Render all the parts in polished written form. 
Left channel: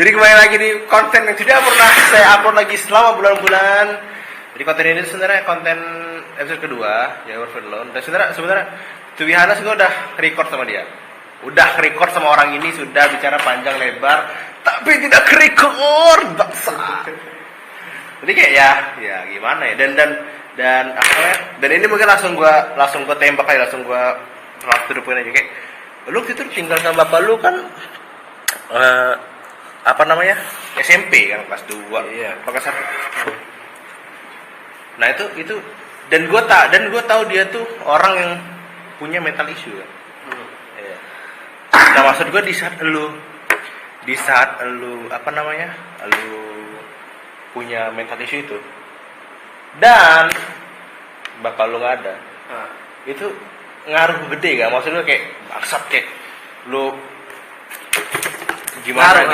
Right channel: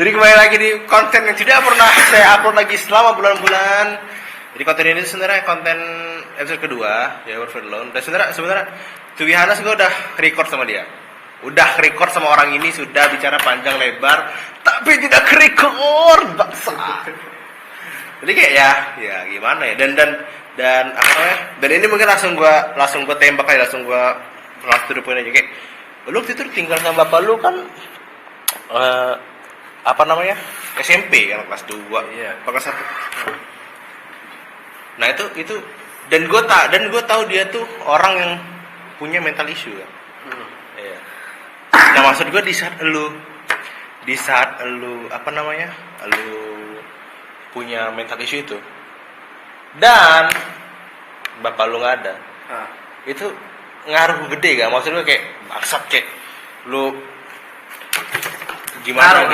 Jadi kembali lagi di konten yang tidak pernah saya upload lagi selama bulan-bulan. Jadi konten ini sebenarnya konten episode kedua yang World Alone. Dan sebenarnya Tuwihana sudah record sama dia. Udah record sama orang ini, sudah bicara panjang lebar, tapi tidak record. Jadi kayak ya gimana ya? Dan ini mungkin langsung gua tembak aja, langsung gua tudupin aja kayak lu itu tinggal sama bapak lu kan SMP kan kelas 2. Iya. Kelas 1. Nah, itu dan gua tahu dia tuh orang yang punya mental issue ya. Iya. Nah, maksud gua di saat lu lu punya mental issue itu dan bapak lu nggak ada, itu ngaruh gede gak? Maksud lu kayak maksud kayak lu gimana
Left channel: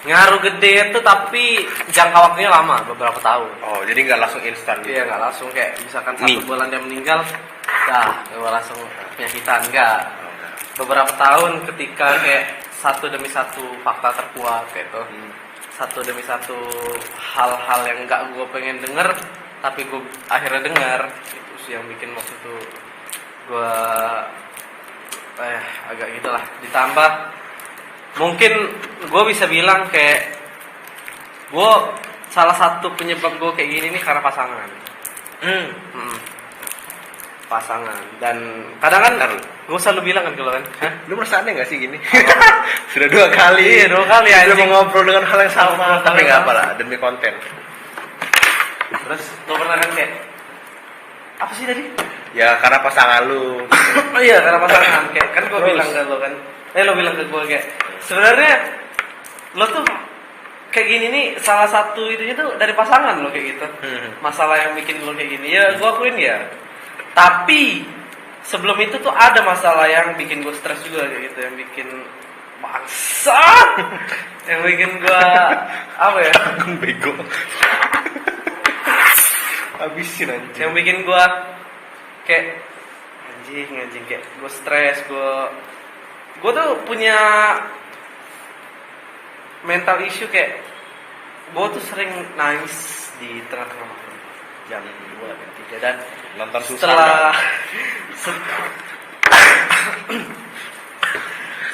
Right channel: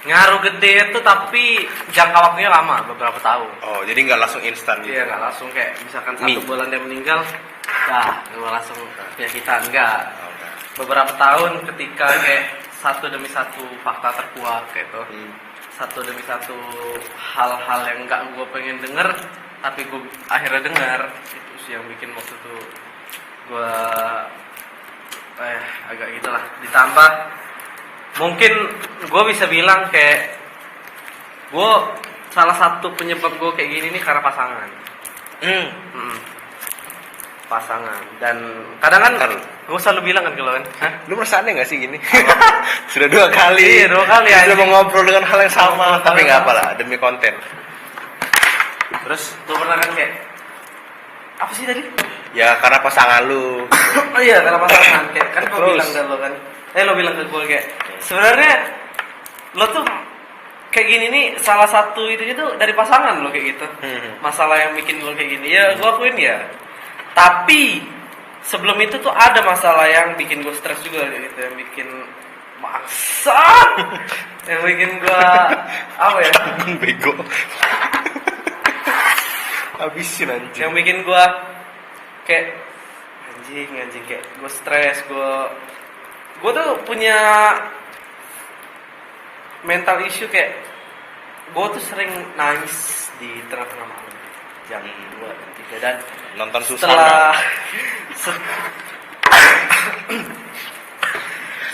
ngaruh gede itu, tapi jangka waktunya lama, beberapa tahun. Oh, jadi nggak langsung instan gitu? Iya, nggak langsung kayak misalkan 1 bulan dia meninggal, gue langsung penyakitan, enggak. Beberapa tahun ketika kayak satu demi satu fakta terkuak gitu, satu demi satu hal-hal yang nggak gue pengen denger, tapi gue akhirnya dengar, itu sih yang bikin waktu itu gue agak gitulah. Ditambah mungkin gue bisa bilang kayak gue salah satu penyebab gue kayak gini nih karena pasangan. Pasangan. Dan kadang kan gue selalu bilang kan kalau kan, lu merasa aneh gak sih gini? Sudah 2 kali. Iya, 2 kali aja. anjing. Mau ngobrol dengan hal yang sama, tapi nggak apa lah, demi konten. Terus gue pernah kayak apa sih tadi? Ya karena pasangan lu. Oh iya, karena pasangan. Kayak kan gue bilang ke lo kan. Lo bilang ke gue kayak sebenarnya lo tuh kayak gini nih salah satu itu dari pasangan lo kayak gitu. Masalah yang bikin lo kayak gini. Ya gue akuin ya. Tapi sebelum itu tuh ada masalah yang bikin gue stres juga kayak gitu, yang bikin bangsat. Yang bikin gue apa ya? Bego. Habisin anjing. Yang bikin gue kayak anjing kayak gue stres, gue tuh punya mental issue kayak gue tuh sering nangis di tengah-tengah malam jam 2, 3 dan nonton susah.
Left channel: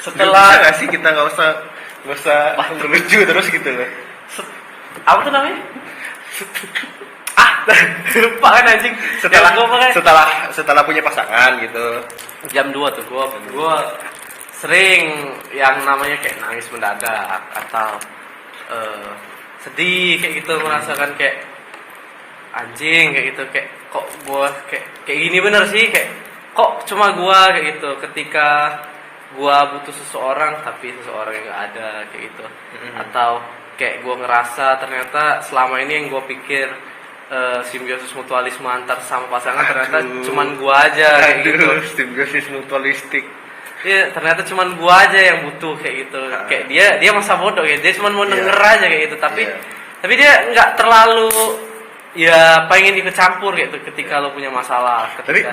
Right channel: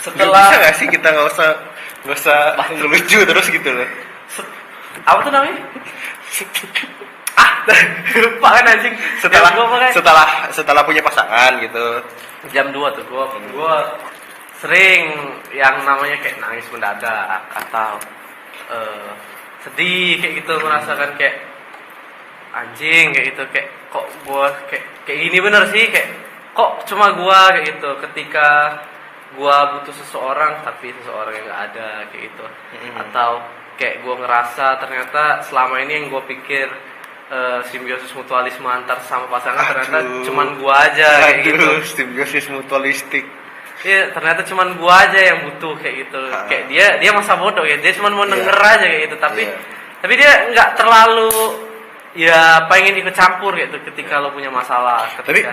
Setelah bisa gak sih kita nggak usah lucu terus gitu loh. Apa tuh namanya? Lupa kan anjing. Setelah punya pasangan gitu. Jam 2 tuh gue sering yang namanya kayak nangis mendadak atau sedih kayak gitu, merasakan kayak anjing kayak gitu, kayak kok gue kayak gini bener sih, kayak kok cuma gue kayak gitu ketika gue butuh seseorang tapi seseorang yang nggak ada kayak gitu. Atau kayak gue ngerasa ternyata selama ini yang gue pikir simbiosis mutualisme antar sama pasangan ternyata cuman gua aja kayak gitu. Simbiosis mutualistik. Iya, ternyata cuman gua aja yang butuh kayak gitu. Kayak dia masa bodoh ya, dia cuman mau denger aja kayak gitu. Tapi dia nggak terlalu ya pengen ikut campur gitu ketika lo punya masalah, ketika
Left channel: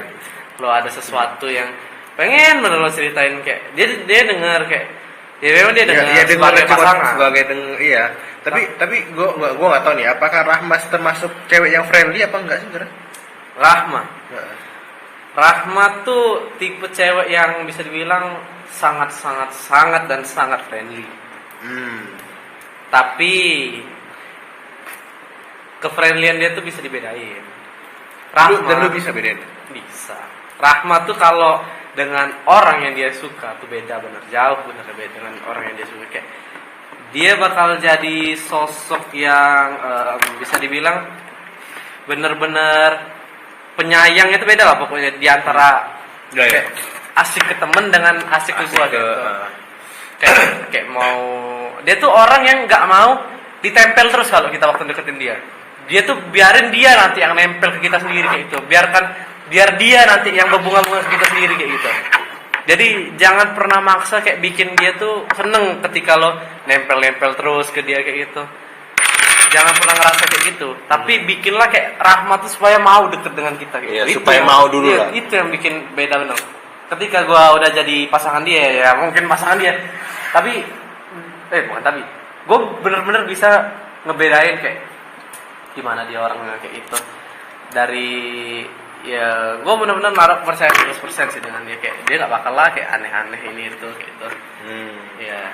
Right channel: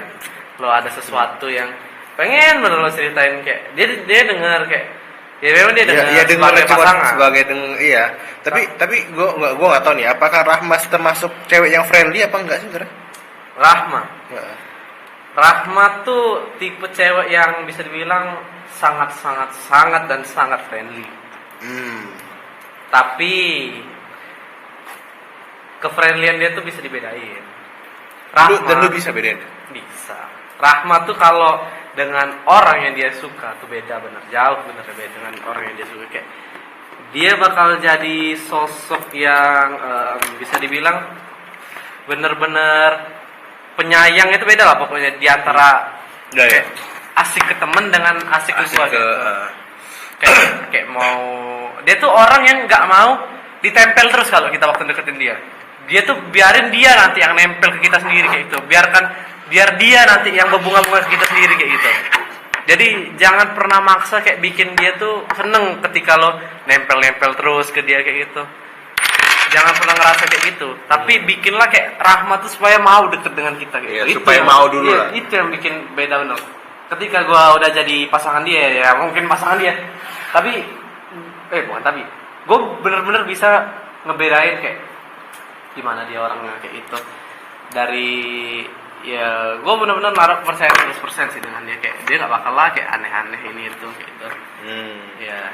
lo ada sesuatu yang pengen bener lo ceritain, kayak dia denger kayak ya memang dia denger sebagai pasangan. Iya. Tapi gue nggak tahu nih, apakah Rahma termasuk cewek yang friendly apa enggak sih sebenarnya? Rahma tuh tipe cewek yang bisa dibilang sangat friendly. Tapi kefriendlian dia tuh bisa dibedain. Dan lu bisa bedain? Bisa. Rahma tuh kalau dengan orang yang dia suka tuh beda dengan orang yang dia suka. Kayak dia bakal jadi sosok yang bisa dibilang bener-bener penyayang, itu beda lah pokoknya di antara kayak asik ke temen dengan asik ke gua gitu. Kayak mau dia tuh orang yang nggak mau ditempel terus kalau kita waktu deketin dia. Dia tuh biarin dia nanti yang nempel ke kita sendiri kayak gitu. Biar dia nanti yang berbunga-bunga ke kita sendiri kayak gitu. Jadi jangan pernah maksa kayak bikin dia tuh seneng ketika lo nempel-nempel terus ke dia kayak gitu. Jangan pernah ngerasa kayak gitu. Tapi bikinlah kayak Rahmat tuh supaya mau deket dengan kita gitu. Iya, supaya mau dulu lah. Itu yang bikin beda bener. Ketika gua udah jadi pasangan dia, ya mungkin pasangan dia. Tapi bukan tapi gue bener-bener bisa ngebedain kayak gimana dia orangnya kayak itu dari ya gue bener-bener naruh percaya 100% sih dengan dia, kayak dia nggak bakal lah kayak aneh-aneh ini itu kayak gitu. Ya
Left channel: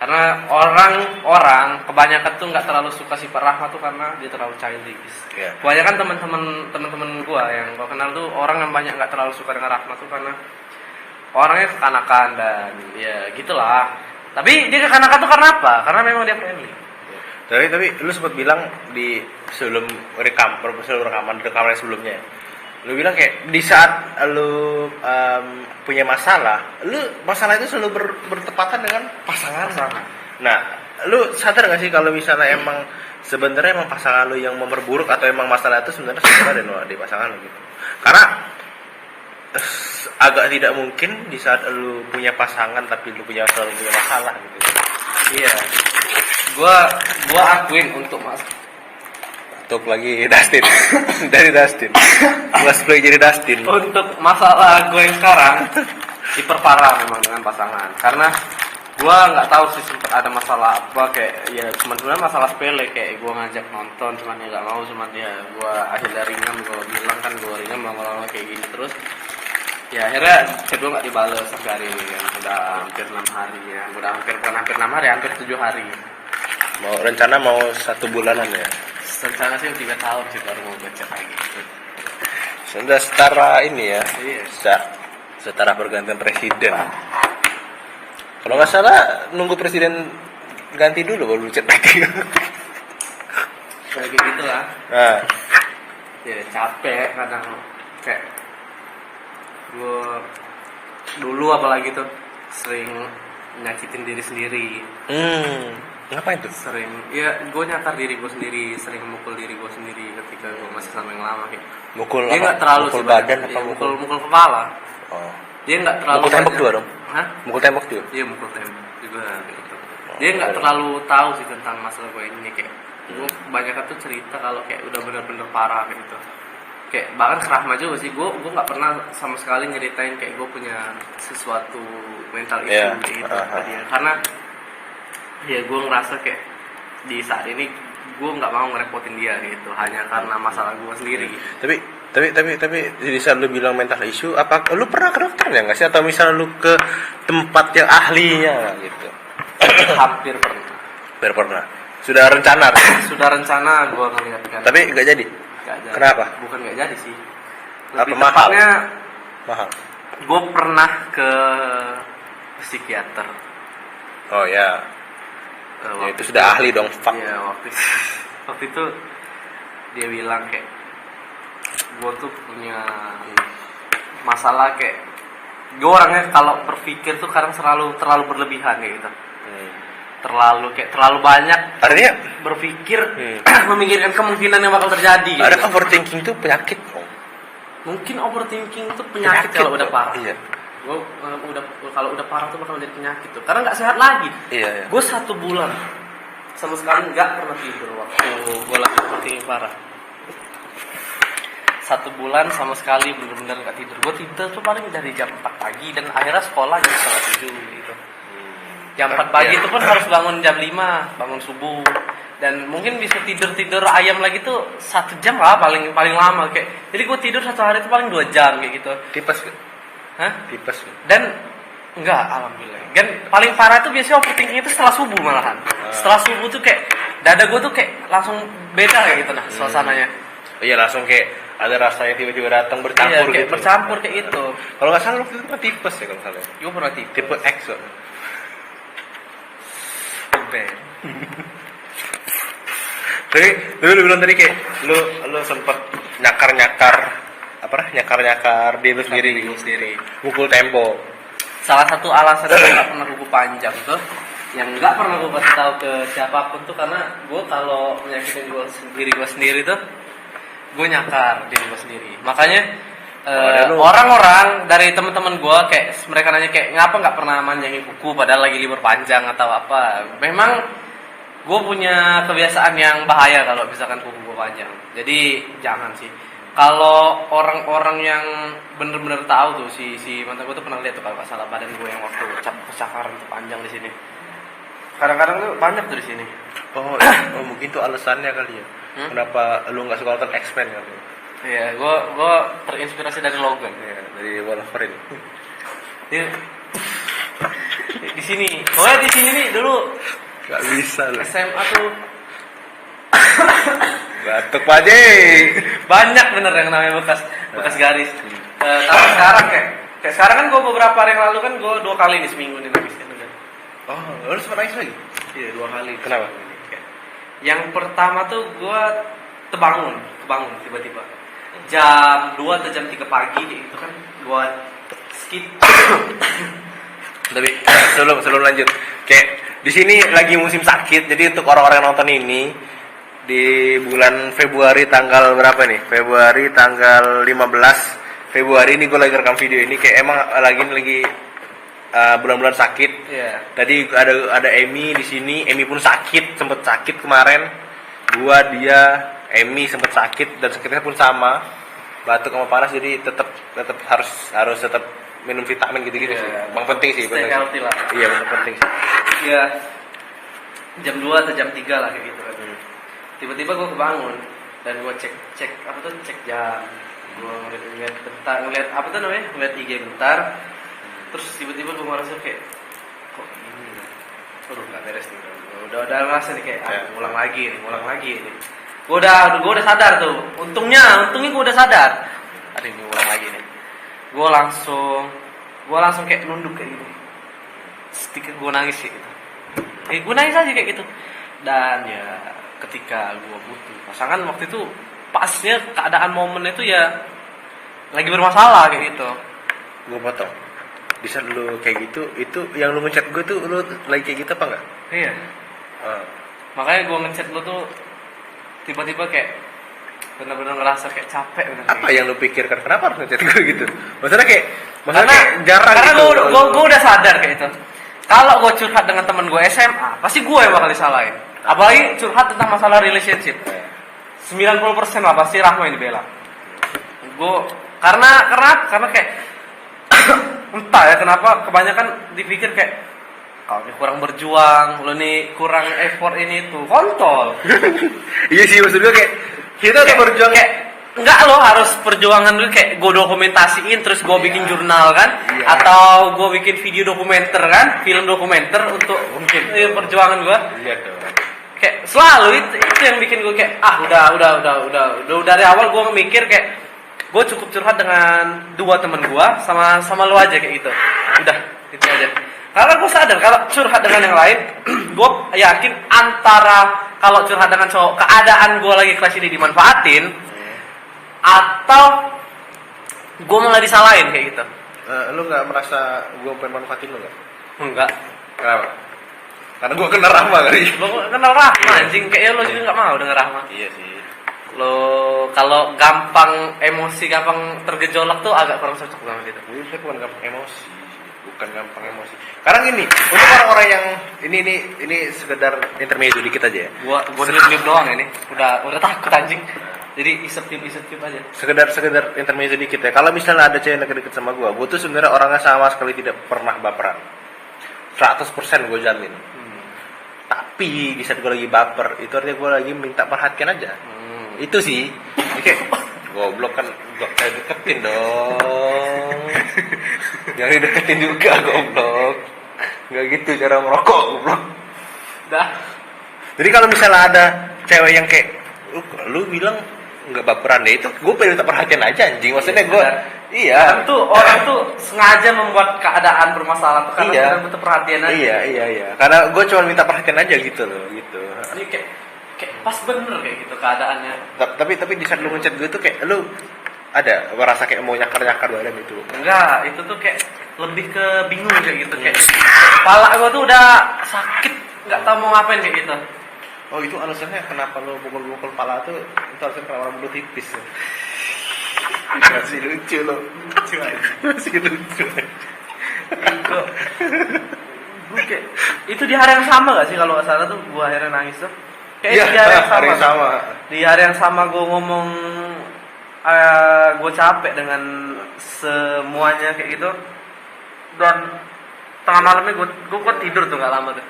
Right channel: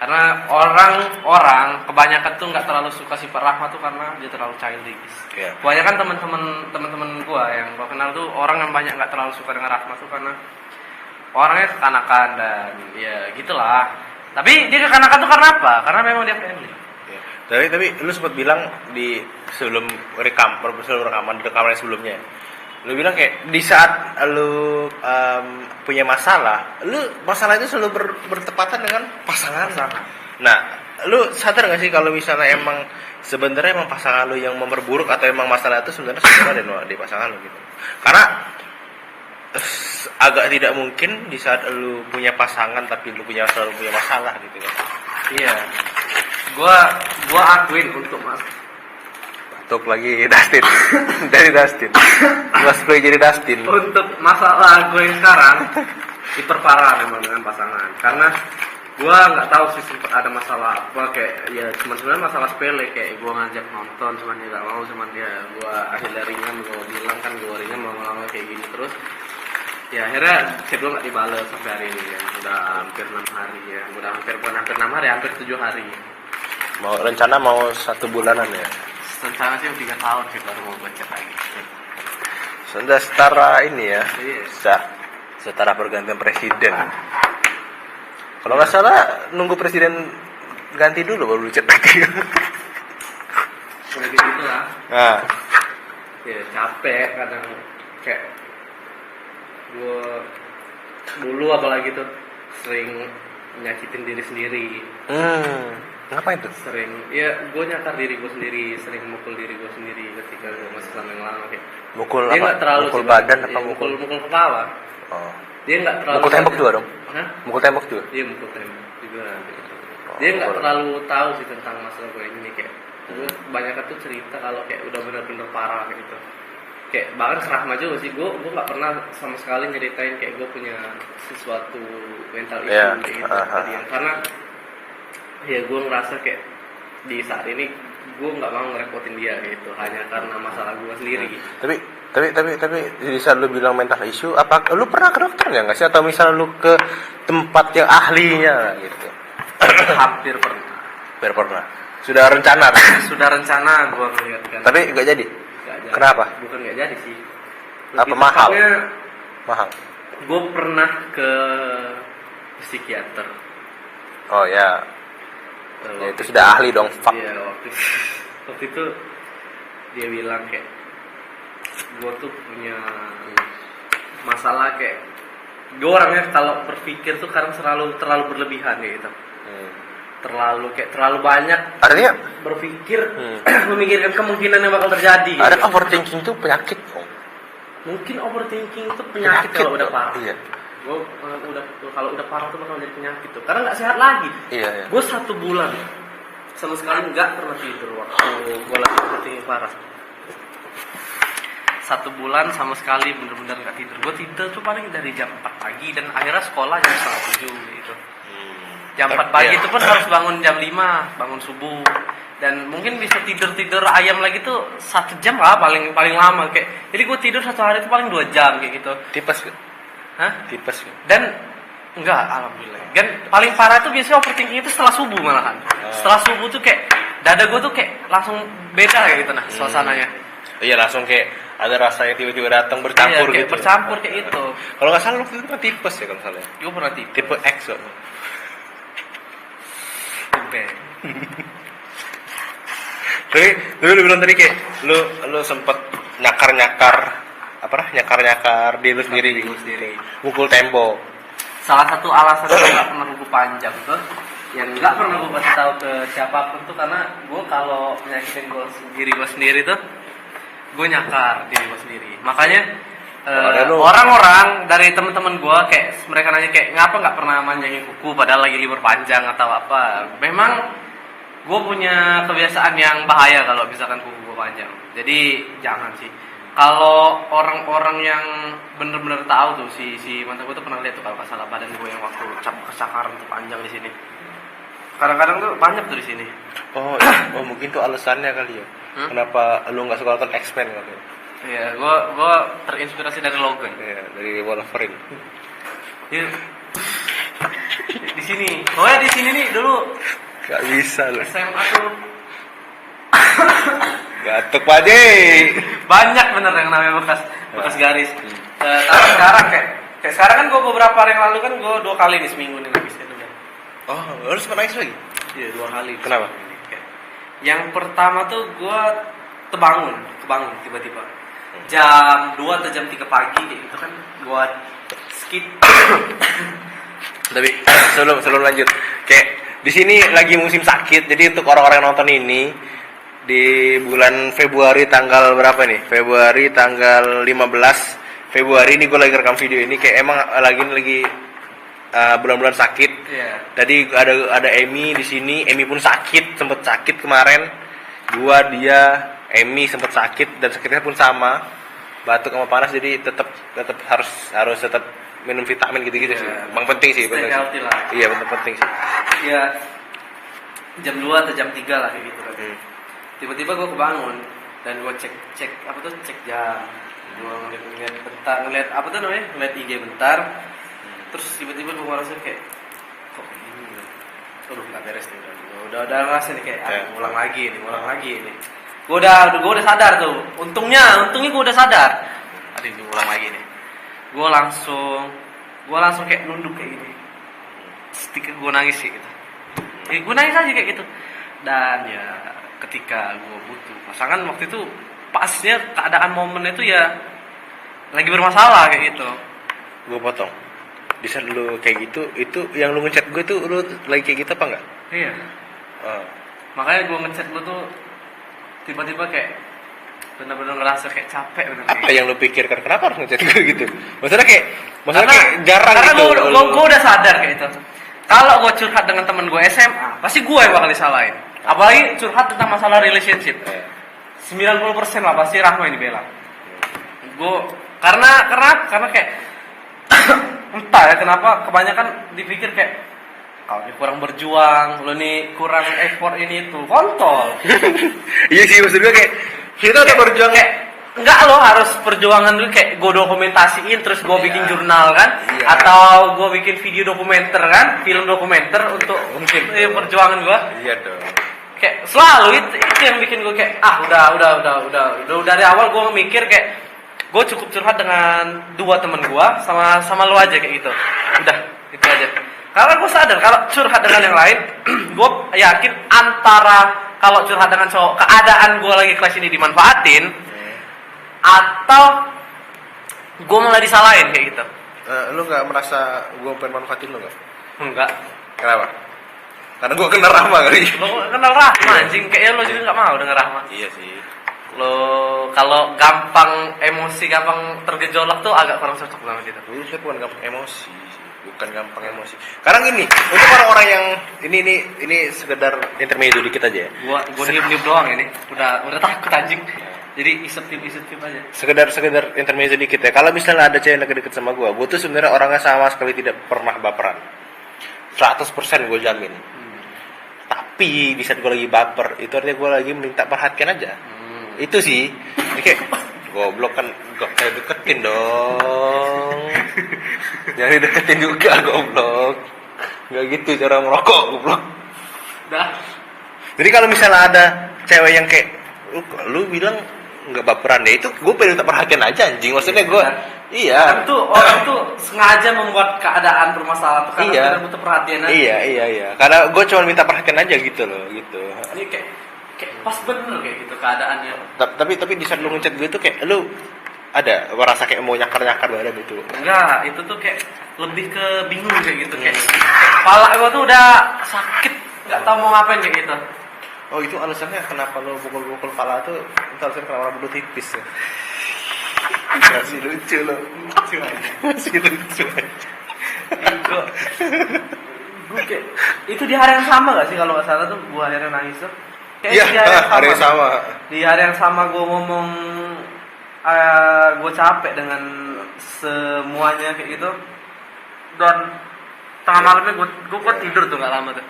karena orang kebanyakan tuh nggak terlalu suka sifat Rahmat tuh karena dia terlalu childish. Kebanyakan teman-teman gue yang gue kenal tuh orang yang banyak nggak terlalu suka dengan Rahmat tuh karena orangnya kekanakan dan ya gitulah. Tapi dia kekanakan tuh karena apa? Karena memang dia friendly. Tapi lu sempat bilang di sebelum rekaman sebelumnya, lu bilang kayak di saat lu punya masalah itu selalu bertepatan dengan pasangan. Nah, lu sadar nggak sih kalau misalnya emang sebenarnya emang pasangan lu yang memperburuk atau emang masalah itu sebenarnya ada di pasangan lu gitu? Karena agak tidak mungkin di saat lu punya pasangan tapi lu selalu punya masalah gitu. Iya. Gua akuin untuk Batuk lagi Dustin. Dari Dustin. Mas gue jadi Dustin. Untuk masalah gue yang sekarang diperparah memang dengan pasangan. Karena gue nggak tahu sih sempat ada masalah apa, kayak ya cuma sebenarnya masalah sepele, kayak gue ngajak nonton cuman dia nggak mau, cuman dia gue akhirnya ringan, gue bilang kan gue ringan lama-lama kayak gini terus. Ya akhirnya chat gue nggak dibales sampai hari ini kan, udah hampir 6 hari ya, hampir 6 hari, hampir 7 hari. Rencana mau 1 bulanan ya? Rencana sih 3 tahun sih baru mau gue chat lagi. Sudah setara ini ya? Iya. Setara pergantian presiden. Kalau nggak salah nunggu presiden ganti dulu baru chat lagi. Kayak gitu lah. Nah. Ya capek kadang, kayak gue dulu apalagi tuh sering nyakitin diri sendiri. Ngapain tuh? Sering, ya gue nyakar diri gue sendiri, sering mukul diri gue sendiri ketika gue masih sama yang lama kayak. Mukul dia apa? Terlalu mukul badan apa ya, mukul kepala? Oh. Dia nggak terlalu. Mukul tembok juga dong? Hah? Mukul tembok juga? Iya mukul tembok juga gitu. Dia nggak terlalu tahu sih tentang masalah gue ini, kayak gue kebanyakan tuh cerita kalau kayak udah bener-bener parah kayak gitu. Kayak bahkan ke Rahma juga sih, gue nggak pernah sama sekali nyeritain kayak gue punya sesuatu mental issue kayak gitu ke dia. Karena ya gue ngerasa kayak di saat ini gue nggak mau ngerepotin dia gitu hanya karena masalah gue sendiri. Tapi di saat lu bilang mental issue, apa lu pernah ke dokter ya nggak sih, atau misalnya lu ke tempat yang ahlinya gitu? Hampir pernah. Sudah rencana gue ngeliat kan. Tapi nggak jadi. Kenapa? Bukan nggak jadi sih. Apa mahal? Mahal. Gue pernah ke psikiater. Oh ya. Itu sudah ahli dong. Fuck. Iya waktu itu dia bilang kayak gue tuh punya masalah, kayak gue orangnya kalau berpikir tuh kadang terlalu berlebihan kayak gitu. Terlalu banyak artinya berpikir memikirkan kemungkinan yang bakal terjadi. Ada gitu. overthinking tuh penyakit. Mungkin overthinking itu penyakit kalau udah parah. Iya. Gue kalau udah parah tuh bakal jadi penyakit tuh, karena nggak sehat lagi. Iya. Gue 1 bulan sama sekali nggak pernah tidur waktu gue lagi overthinking parah. 1 bulan sama sekali bener-bener nggak tidur. Gue tidur tuh paling dari jam 4 pagi dan akhirnya sekolah jam 6:30 gitu. Jam 4 pagi itu pun harus bangun jam 5, bangun subuh. Dan mungkin bisa tidur ayam lagi tuh 1 jam lah paling lama kayak. Jadi gue tidur 1 hari itu paling 2 jam kayak gitu. Tipes. Hah? Tipes. Dan enggak, alhamdulillah. Dan paling parah tuh biasanya overthinking itu setelah subuh malahan. Setelah subuh tuh kayak dada gue tuh kayak langsung beda kayak gitu suasananya. Iya, langsung kayak ada rasanya tiba-tiba datang bercampur kayak gitu. Bercampur kayak itu. Kalau nggak salah waktu itu pernah tipes ya kalau salah. Gue pernah tipes. Tipe X loh. Tapi lu bilang tadi kayak lu sempet nyakar diri lu sendiri, mukul tembok. Salah satu alasan gue nggak pernah kuku panjang tuh, yang nggak pernah gue kasih tahu ke siapapun tuh karena gue kalau menyakitin gue sendiri tuh, gue nyakar diri gue sendiri. Makanya orang-orang dari teman-teman gue kayak mereka nanya kayak ngapa nggak pernah manjangin kuku padahal lagi libur panjang atau apa. Memang gue punya kebiasaan yang bahaya kalau misalkan kuku gue panjang. Jadi jangan sih. Kalau orang-orang yang bener-bener tahu tuh si mantan gue tuh pernah lihat tuh kalau nggak salah badan gue yang waktu kecakaran tuh panjang di sini. kadang-kadang tuh banyak tuh di sini. Oh, oh mungkin tuh alasannya kali ya. Kenapa lu nggak suka nonton X-Men kali ya? Iya, gua terinspirasi dari Logan. Iya, dari Wolverine. Di sini. Oh ya, di sini nih dulu Gak bisa lu. SMA tuh Gatuk Pak J. banyak bener yang namanya bekas garis. Tapi sekarang kayak sekarang kan gue beberapa hari yang lalu kan gue 2 kali nih seminggu nih nangis. Oh, lu sempat nangis lagi? Iya 2 kali. Kenapa? Kayak, yang pertama tuh gue kebangun tiba-tiba jam 2 atau jam 3 pagi gitu kan buat skip. Tapi sebelum lanjut, kayak di sini lagi musim sakit, jadi untuk orang-orang yang nonton ini di bulan Februari tanggal berapa nih? Februari tanggal 15 Februari ini gue lagi rekam video ini kayak emang lagi bulan-bulan sakit. Iya. Tadi ada Emi di sini, Emi pun sempet sakit kemarin. Dia, Emi sempet sakit dan sakitnya pun sama, batuk sama panas, jadi tetap harus tetap minum vitamin gitu-gitu sih. Bang penting sih, Stay benar. healthy lah. Iya, benar penting sih. Ya jam 2 atau jam 3 lah kayak gitu kan. Tiba-tiba gue kebangun dan gue cek jam. Gue ngeliat IG bentar. Terus tiba-tiba gue merasa kayak kok ini nih. Aduh nggak beres nih. Udah ngerasa nih kayak ngulang lagi nih. Gue udah sadar tuh. Untungnya gue udah sadar. Aduh ini ngulang lagi nih. Gue langsung kayak nunduk kayak gini. Sedikit gue nangis sih gitu. Gue nangis aja kayak gitu. Dan ya ketika gue butuh pasangan waktu itu pasnya keadaan momen itu ya lagi bermasalah kayak gitu. Gue potong. Di saat lu kayak gitu, itu yang lu ngechat gue tuh lu lagi kayak gitu apa enggak? Iya. Makanya gue ngechat lu tuh tiba-tiba kayak benar-benar ngerasa kayak capek bener. Apa yang lu pikirkan? Kenapa harus ngechat gue gitu? Maksudnya kayak jarang karena gitu. gue udah sadar kayak itu. Kalau gue curhat dengan temen gue SMA, pasti gue yang bakal disalahin. Apalagi curhat tentang masalah relationship. 90% lah pasti Rahma yang dibela. Gue karena kayak entah ya kenapa kebanyakan dipikir kayak kau ini kurang berjuang, lo nih kurang effort ini itu, kontol. Iya sih, maksud gue kayak kita udah berjuang kayak enggak, lo harus perjuangan dulu, kayak gue dokumentasiin terus gue bikin jurnal kan, atau gue bikin video dokumenter kan, film dokumenter untuk mungkin perjuangan gue. Iya dong. Kayak selalu itu yang bikin gue kayak udah dari awal gue mikir kayak gue cukup curhat dengan 2 teman gue sama lo aja kayak gitu. Udah itu aja. Karena gue sadar kalau curhat dengan yang lain, gue yakin antara kalau curhat dengan cowok keadaan gue lagi kelas ini dimanfaatin, atau gue malah disalahin kayak gitu. Lu nggak merasa gue pengen manfaatin lu nggak? Enggak. Kenapa? Karena gue kenal Rahma kali. Lo kenal Rahma anjing, kayaknya lo juga nggak mau denger Rahma. Iya sih. Lo kalau gampang emosi, gampang tergejolak tuh agak kurang cocok banget itu. Saya bukan gampang emosi, bukan gampang emosi. Karena gini, untuk orang-orang yang ini sekedar intermezzo dikit aja ya. Gua diem doang ini. Udah takut anjing. Jadi isep aja. Sekedar intermezzo dikit ya. Kalau misalnya ada cewek yang deket sama gue tuh sebenarnya orangnya sama sekali tidak pernah baperan. 100% gue jamin. Tapi di saat gue lagi baper, itu artinya gue lagi minta perhatian aja. Itu sih. Oke. Goblok kan, gak kayak deketin dong. Jangan deketin juga goblok. Gak gitu cara merokok goblok. Dah. Jadi kalau misalnya ada cewek yang kayak lu bilang nggak baperan deh, itu gue pengen minta perhatian aja anjing. Maksudnya gue orang tuh sengaja membuat keadaan bermasalah tuh karena kita butuh perhatian aja. Iya. Karena gue cuma minta perhatian aja gitu loh, gitu. Ini kayak pas bener kayak gitu keadaannya. Tapi di saat lu ngechat gue tuh kayak lu ada merasa kayak mau nyakar badan gitu. Enggak, itu tuh kayak lebih ke bingung kayak gitu, kayak kepala gue tuh udah sakit, nggak tahu mau ngapain kayak gitu. Oh itu alasannya kenapa lo pukul kepala tuh, itu alasannya kenapa orang bodoh tipis ya. Masih lucu lo. Masih lucu. Gue kayak itu di hari yang sama gak sih kalau nggak salah tuh gue akhirnya nangis tuh. Kayak Iya, di hari yang hari yang sama. Di hari yang sama gue ngomong gue capek dengan semuanya kayak gitu. Dan tengah malamnya gue tidur tuh gak lama tuh.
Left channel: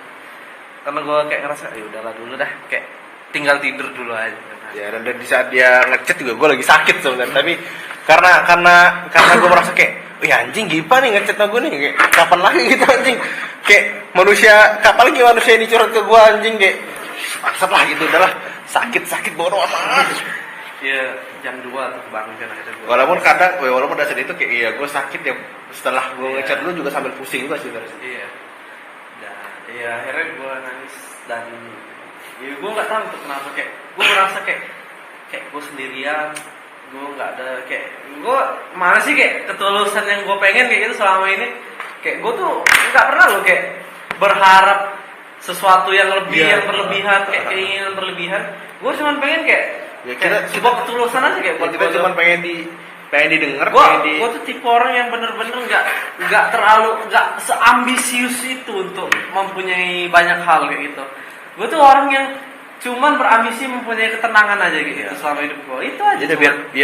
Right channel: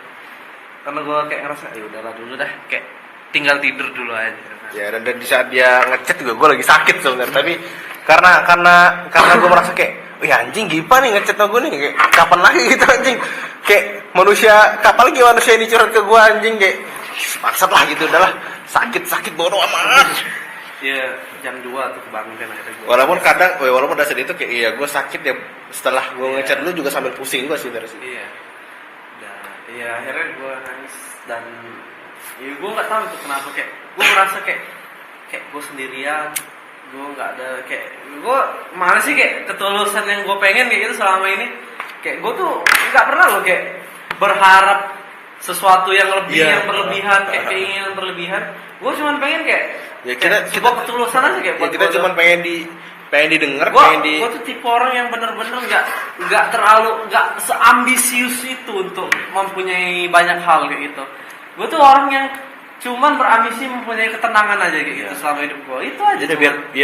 karena gue kayak ngerasa ya udahlah dulu dah, kayak tinggal tidur dulu aja. Ya, dan di saat dia ngechat juga gue lagi sakit sebenarnya, tapi karena gue merasa kayak, wih anjing Gipa nih ngechat sama gue nih, kayak kapan lagi gitu anjing, kayak manusia, kapan lagi manusia ini curhat ke gue anjing, kayak maksud lah gitu, udahlah sakit bodoh amat. Iya, jam 2 tuh kebangun kan kata gue. Walaupun udah sedih itu kayak iya gue sakit ya, setelah gue ngechat lu juga sambil pusing juga sih sebenarnya. Iya. Dan iya akhirnya gue nangis dan ya gue nggak tahu itu kenapa, kayak gue merasa kayak gue sendirian, gue nggak ada, kayak gue malah sih kayak ketulusan yang gue pengen kayak gitu selama ini, kayak gue tuh nggak pernah loh kayak berharap sesuatu yang lebih, yang berlebihan, kayak keinginan berlebihan. Gue cuma pengen kayak ya kita sebuah ketulusan aja kayak ya, kita cuma pengen didengar, gue tuh tipe orang yang bener-bener nggak terlalu, nggak seambisius itu untuk mempunyai banyak hal kayak gitu. Gue tuh orang yang cuman berambisi mempunyai ketenangan aja gitu selama hidup gue, itu aja. Jadi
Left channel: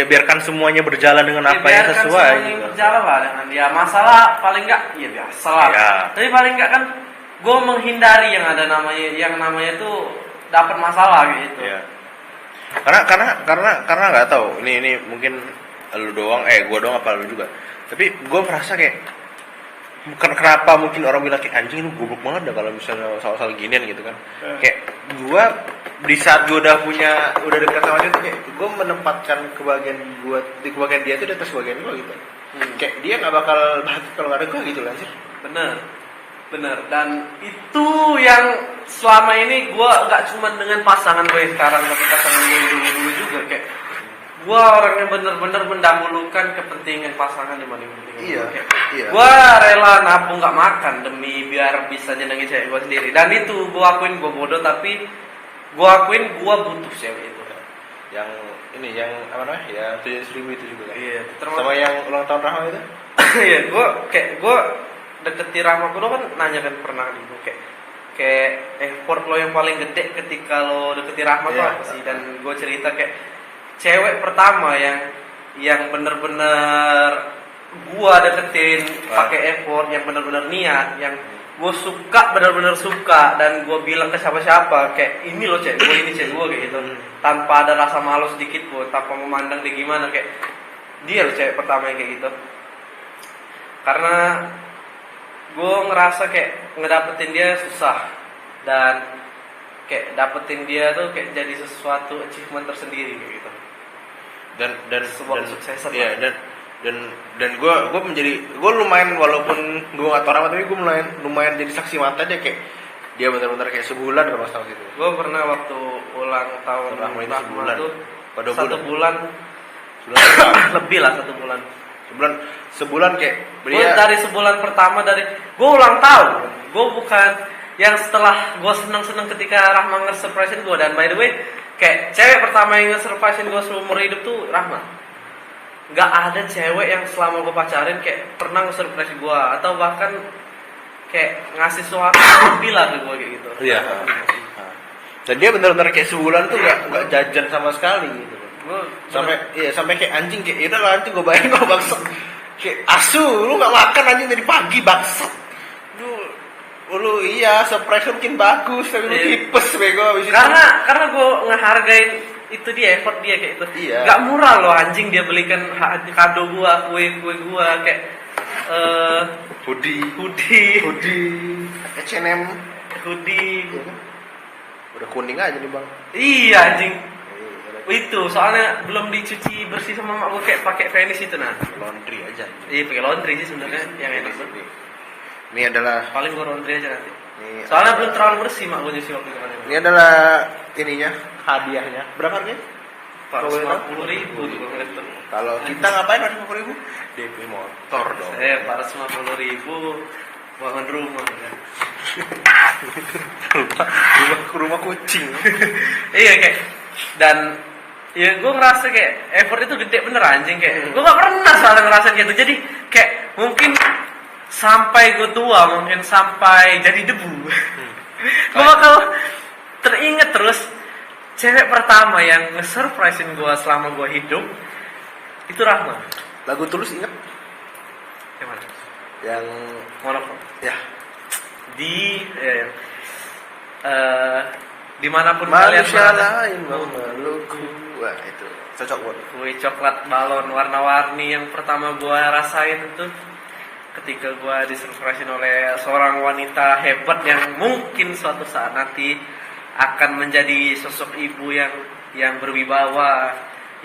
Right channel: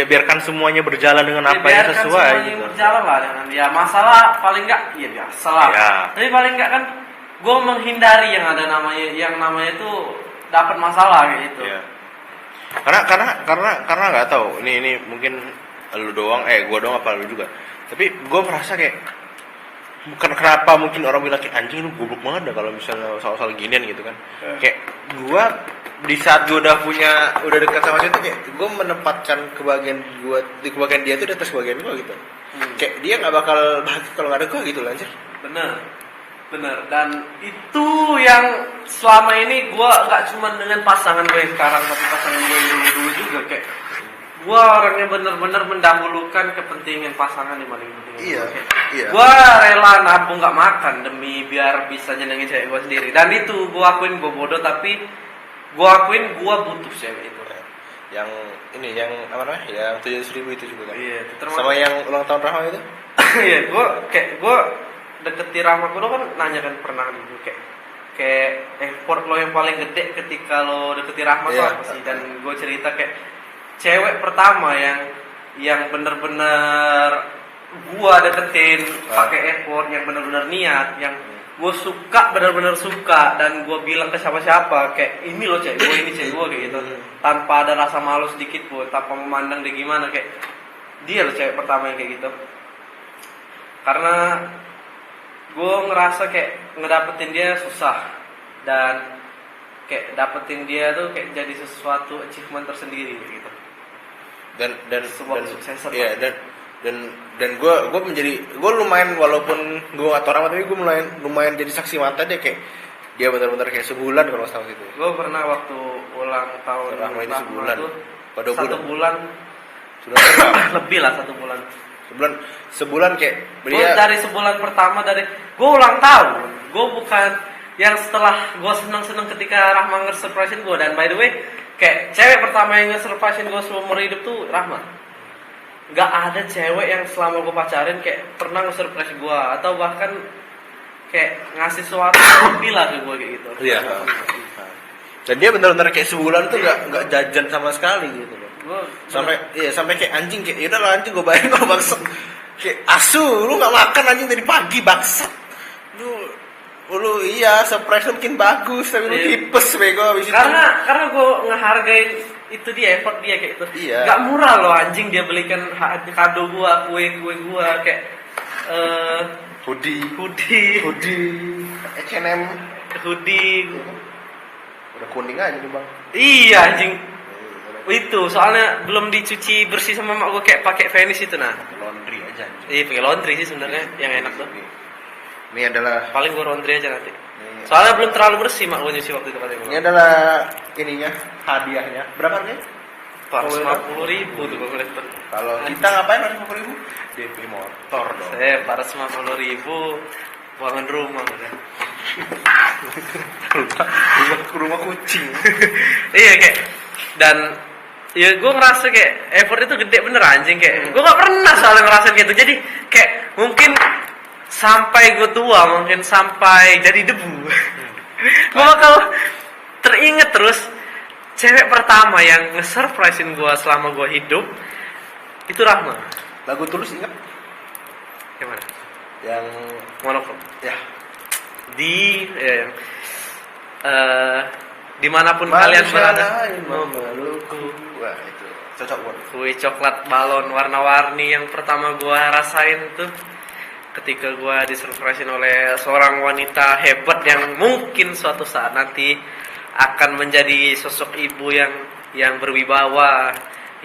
biarkan semuanya berjalan dengan apa yang sesuai gitu. Berjalan lah dengan ya masalah paling nggak ya biasa lah. Ya. Tapi paling nggak kan gue menghindari yang namanya itu dapat masalah kayak gitu. Ya. Karena nggak tahu ini mungkin lu doang, gue doang apa lu juga, tapi gue merasa kayak kenapa mungkin orang bilang kayak anjing lu goblok banget dah kalau misalnya soal ginian gitu kan. Kayak gue di saat gue udah dekat sama dia tuh kayak gue menempatkan kebahagiaan dia tuh di atas kebahagiaan gue gitu. Kayak dia nggak bakal kalau nggak ada gue gitu loh anjir. Bener, dan itu yang selama ini gue gak cuma dengan pasangan gue sekarang, tapi pasangan gue dulu juga, kayak gue orang yang bener-bener mendahulukan kepentingan pasangan dibanding kepentingan Iya. Gue rela nabung gak makan demi biar bisa nyenengin cewek gue sendiri, dan itu gue akuin gue bodoh, tapi gue akuin gue butuh cewek itu. Yang ini yang apa namanya, yang 700.000 itu juga kan. Iya, sama yang ulang tahun Rahma itu. Iya, gue deketi Rahma gue kan nanya kan pernah di gue kayak effort lo yang paling gede ketika lo deketi Rahma tuh apa sih? Dan gue cerita kayak cewek pertama yang bener-bener gue deketin pakai effort, yang bener-bener niat, yang gue suka, bener-bener suka, dan gue bilang ke siapa-siapa kayak ini lo cewek gue, ini cewek gue kayak gitu, tanpa ada rasa malu sedikit pun, tanpa memandang dia gimana, kayak dia lo cewek pertama yang kayak gitu. Karena gue ngerasa kayak ngedapetin dia susah, dan kayak dapetin dia tuh kayak jadi sesuatu achievement tersendiri kayak gitu. Dan gue lumayan, walaupun gue nggak tahu nama, tapi gue lumayan jadi saksi mata dia, kayak dia benar-benar kayak sebulan kalau setahun gitu. Gue pernah waktu ulang tahun Rahma itu sebulan tuh, pada 1 bulan lebih lah, 1 bulan. Sebulan kayak Gue dari sebulan pertama, dari gue ulang tahun, gue bukan yang setelah gue senang ketika Rahma nge-surprisein gue. Dan by the way, kayak cewek pertama yang nge-surprisein gue seumur hidup tuh Rahma. Gak ada cewek yang selama gue pacarin kayak pernah nge-surprise gue, atau bahkan kayak ngasih suatu lebih lah ke gue kayak gitu. Iya. Dan dia benar-benar kayak sebulan tuh gak jajan sama sekali gitu loh. Sampai kayak anjing, kayak ya udah lah anjing gue bayar kalau bangsat. Kayak asu, lu gak makan anjing dari pagi bangsat. Lu iya surprise mungkin bagus, tapi lu tipes bego abis itu. Karena gue ngehargain itu dia, effort dia kayak gitu. Iya. Gak murah loh anjing dia belikan kado gue, kue kayak hoodie, H&M hoodie. Udah kuning aja nih bang. Iya anjing. Itu soalnya belum dicuci bersih sama mak gue, kayak pakai Vanish itu nah. Laundry aja. Iya pakai laundry sih sebenarnya yang enak tuh. Ini adalah paling gue laundry aja nanti. Soalnya belum terlalu bersih mak gue nyuci waktu itu. Ini adalah ininya, hadiahnya. Berapa harganya? 450.000 tuh gue lihat. Kalau kita ngapain 450.000? DP motor dong. 450.000 bangun rumah kan. rumah kucing. Iya kayak, dan ya gue ngerasa kayak effort itu gede bener anjing, kayak gue gak pernah soalnya ngerasain gitu. Jadi kayak mungkin sampai gue tua, mungkin sampai jadi debu, gue bakal teringat terus cewek pertama yang nge-surprisein gue selama gue hidup itu Rahma. Lagu Tulus ingat? Yang mana? Yang Monofon. ya. dimanapun kalian Manusia berada, lain memelukku. Wah itu cocok banget. kue coklat balon warna-warni yang pertama gua rasain itu ketika gua disurprisein oleh seorang wanita hebat yang mungkin suatu saat nanti akan menjadi sosok ibu yang berwibawa,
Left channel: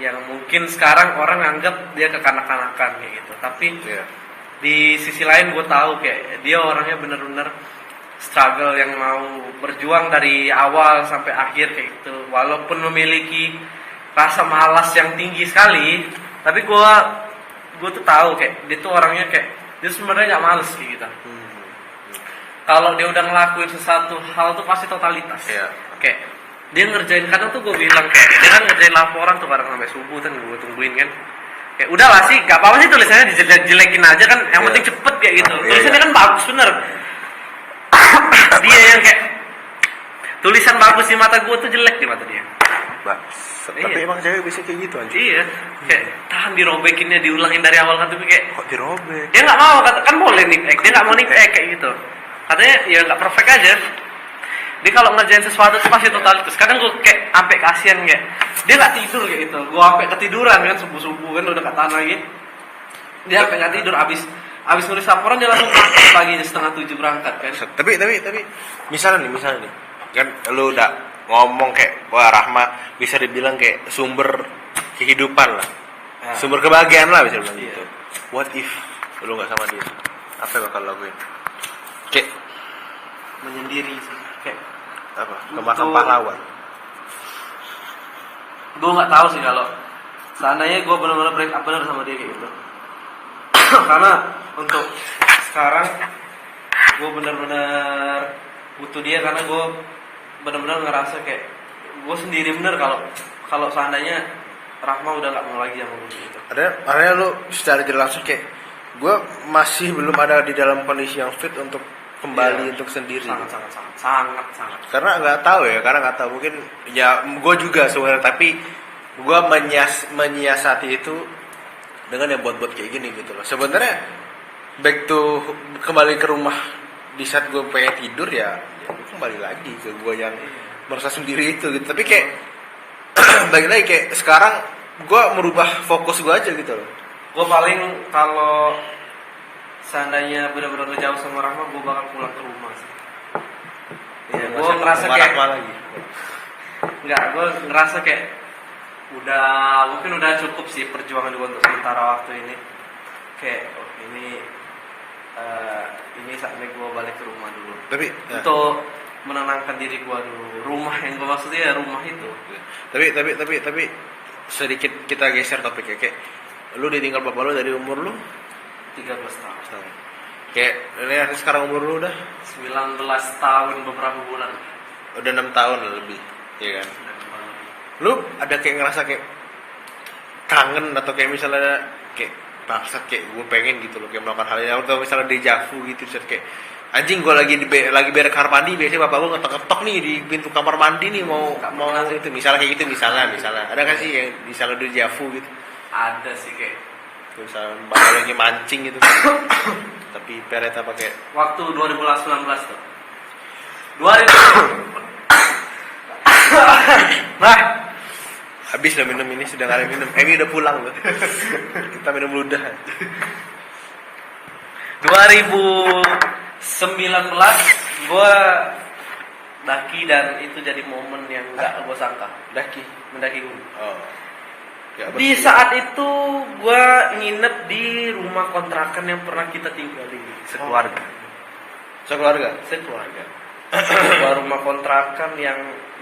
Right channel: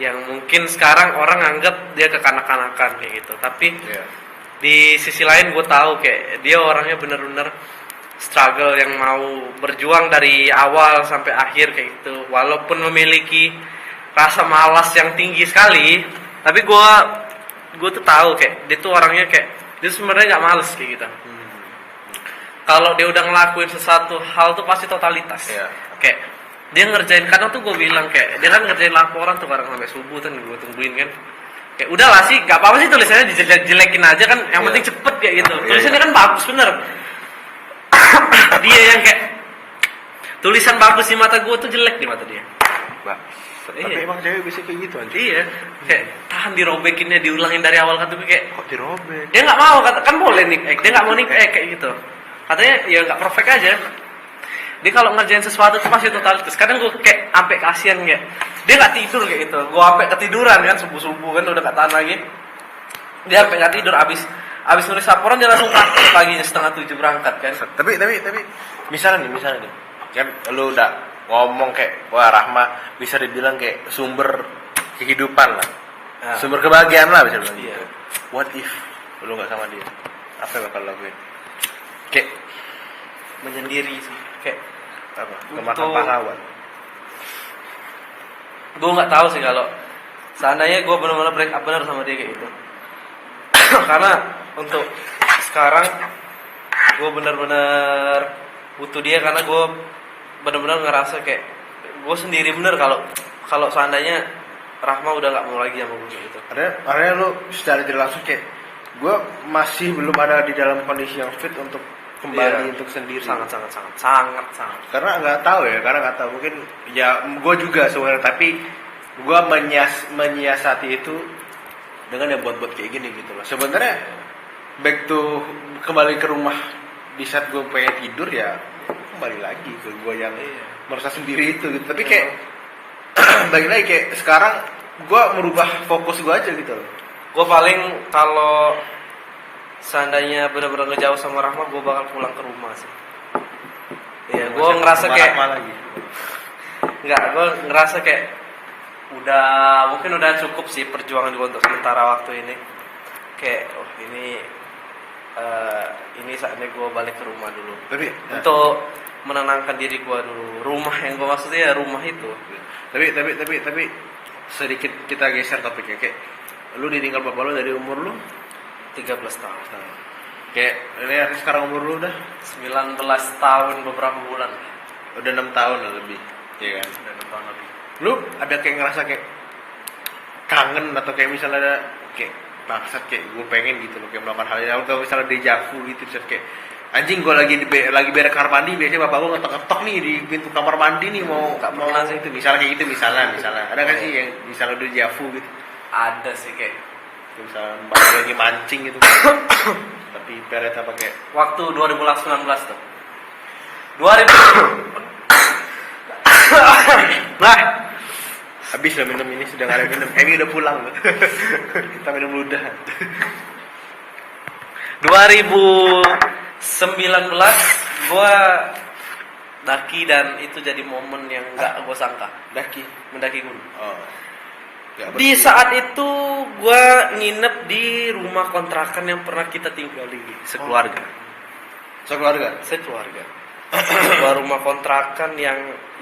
yang mungkin sekarang orang anggap dia kekanak-kanakan kayak gitu. Tapi Iya. di sisi lain gue tahu kayak dia orangnya bener-bener struggle yang mau berjuang dari awal sampai akhir kayak gitu. Walaupun memiliki rasa malas yang tinggi sekali, tapi gue tuh tahu kayak dia tuh orangnya kayak dia sebenarnya nggak males kayak gitu. Kalau dia udah ngelakuin sesuatu hal tuh pasti totalitas. Iya. Kayak dia ngerjain, kadang tuh gue bilang kayak dia kan ngerjain laporan tuh kadang sampai subuh kan gue tungguin kan. Kayak udah lah sih, gak apa-apa sih tulisannya dijelekin aja kan, yang penting cepet kayak gitu. Tulisannya kan bagus bener. Dia yang kayak tulisan bagus di mata gue tuh jelek di mata dia. Tapi Iya. emang cewek bisa kayak gitu aja. Iya, kayak tahan dirobekinnya, diulangin dari awal kan tuh kayak Kok dirobek? dia nggak mau kan boleh nih, dia nggak mau nih kayak gitu. Katanya ya nggak perfect aja. Dia kalau ngerjain sesuatu tuh pasti totalitas. Kadang gue kayak sampai kasihan kayak dia nggak tidur kayak gitu. Gue sampai ketiduran kan subuh kan udah nggak tahan lagi. Dia sampai nggak tidur abis nulis laporan dia langsung praktek paginya 6:30 berangkat kan. Tapi misalnya nih kan lu udah ngomong kayak wah Rahma bisa dibilang kayak sumber kehidupan lah, Ya. sumber kebahagiaan lah bisa bilang Iya. gitu. What if lu nggak sama dia? Apa yang bakal lakuin? Kayak Menyendiri sih. Kayak apa? Ke makam Untuk- pahlawan. gue nggak tahu sih kalau seandainya gue benar-benar break up benar sama dia kayak gitu. Karena untuk sekarang gue benar-benar butuh dia karena gue benar-benar ngerasa kayak gue sendiri bener kalau seandainya Rahma udah nggak mau lagi sama gue gitu. Ada lu secara tidak langsung kayak gue masih belum ada di dalam kondisi yang fit untuk kembali Iya. untuk sendiri. Sangat. Karena nggak tahu mungkin ya gue juga sebenarnya tapi gue menyiasati itu dengan yang buat kayak gini gitu loh. Sebenarnya back to kembali ke rumah di saat gue pengen tidur ya kembali lagi ke gue yang merasa sendiri itu gitu. Tapi kayak balik lagi kayak sekarang gue merubah fokus gue aja gitu loh. Gue paling kalau seandainya benar-benar ngejauh sama Rahma, gue bakal pulang ke rumah sih. Iya, gue ngerasa kayak lagi. gue ngerasa kayak mungkin udah cukup sih perjuangan gue untuk sementara waktu ini. Kayak ini saatnya gue balik ke rumah dulu. Tapi Untuk menenangkan diri gue dulu. Rumah yang gue maksudnya ya rumah itu. tapi sedikit kita geser topiknya kayak lu ditinggal bapak lu dari umur lu 13 tahun. kayak ini sekarang umur lu udah 19 tahun beberapa bulan. udah 6 tahun lah lebih ya kan. Udah depan lebih. Lu ada kayak ngerasa kayak kangen atau kayak misalnya kayak bangsat kayak gue pengen gitu loh kayak melakukan hal yang atau misalnya dejavu gitu terus kayak anjing gue lagi beres kamar mandi biasanya bapak gue ngetok nih di pintu kamar mandi nih mau itu misalnya kayak gitu misalnya ada kan sih kayak misalnya dejavu gitu Ada sih kayak misalnya bapak lagi mancing gitu tapi peret apa kayak waktu 2019 tuh. 2000 nah habis nggak minum ini sudah nggak ada minum Emi udah pulang loh kita minum ludah 2019 gue daki dan itu jadi momen yang nggak gue sangka. Mendaki gunung. oh ya, Di saat itu gue nginep di rumah kontrakan yang pernah kita tinggali sekeluarga. sekeluarga Sebuah rumah kontrakan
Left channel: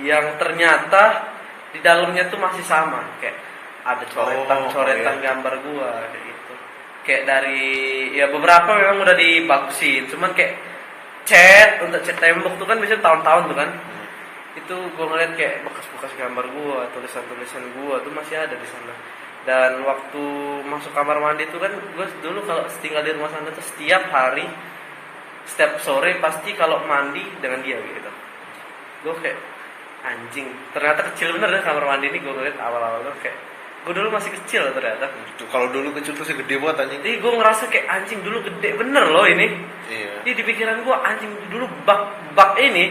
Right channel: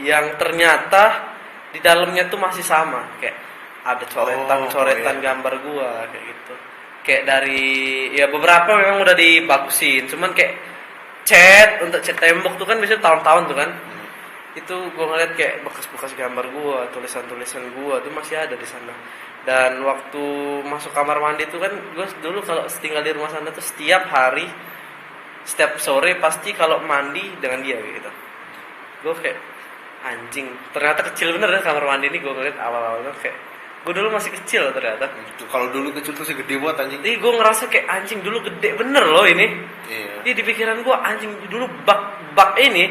yang ternyata di dalamnya tuh masih sama kayak ada coretan gambar gua kayak gitu. Kayak dari ya beberapa memang udah dibagusin, cuman kayak cat tembok tuh kan biasanya tahun-tahun tuh kan. Itu gua ngeliat kayak bekas-bekas gambar gua, tulisan-tulisan gua tuh masih ada di sana. Dan waktu masuk kamar mandi tuh kan gua dulu kalau tinggal di rumah sana tuh setiap hari setiap sore pasti kalau mandi dengan dia gitu. Gue kayak anjing, ternyata kecil bener ya kamar mandi ini gue ngeliat awal-awal tuh kayak gue dulu masih kecil ternyata. kalau dulu kecil tuh segede banget anjing Jadi gue ngerasa kayak anjing dulu gede bener loh ini. iya Jadi di pikiran gue anjing dulu bak ini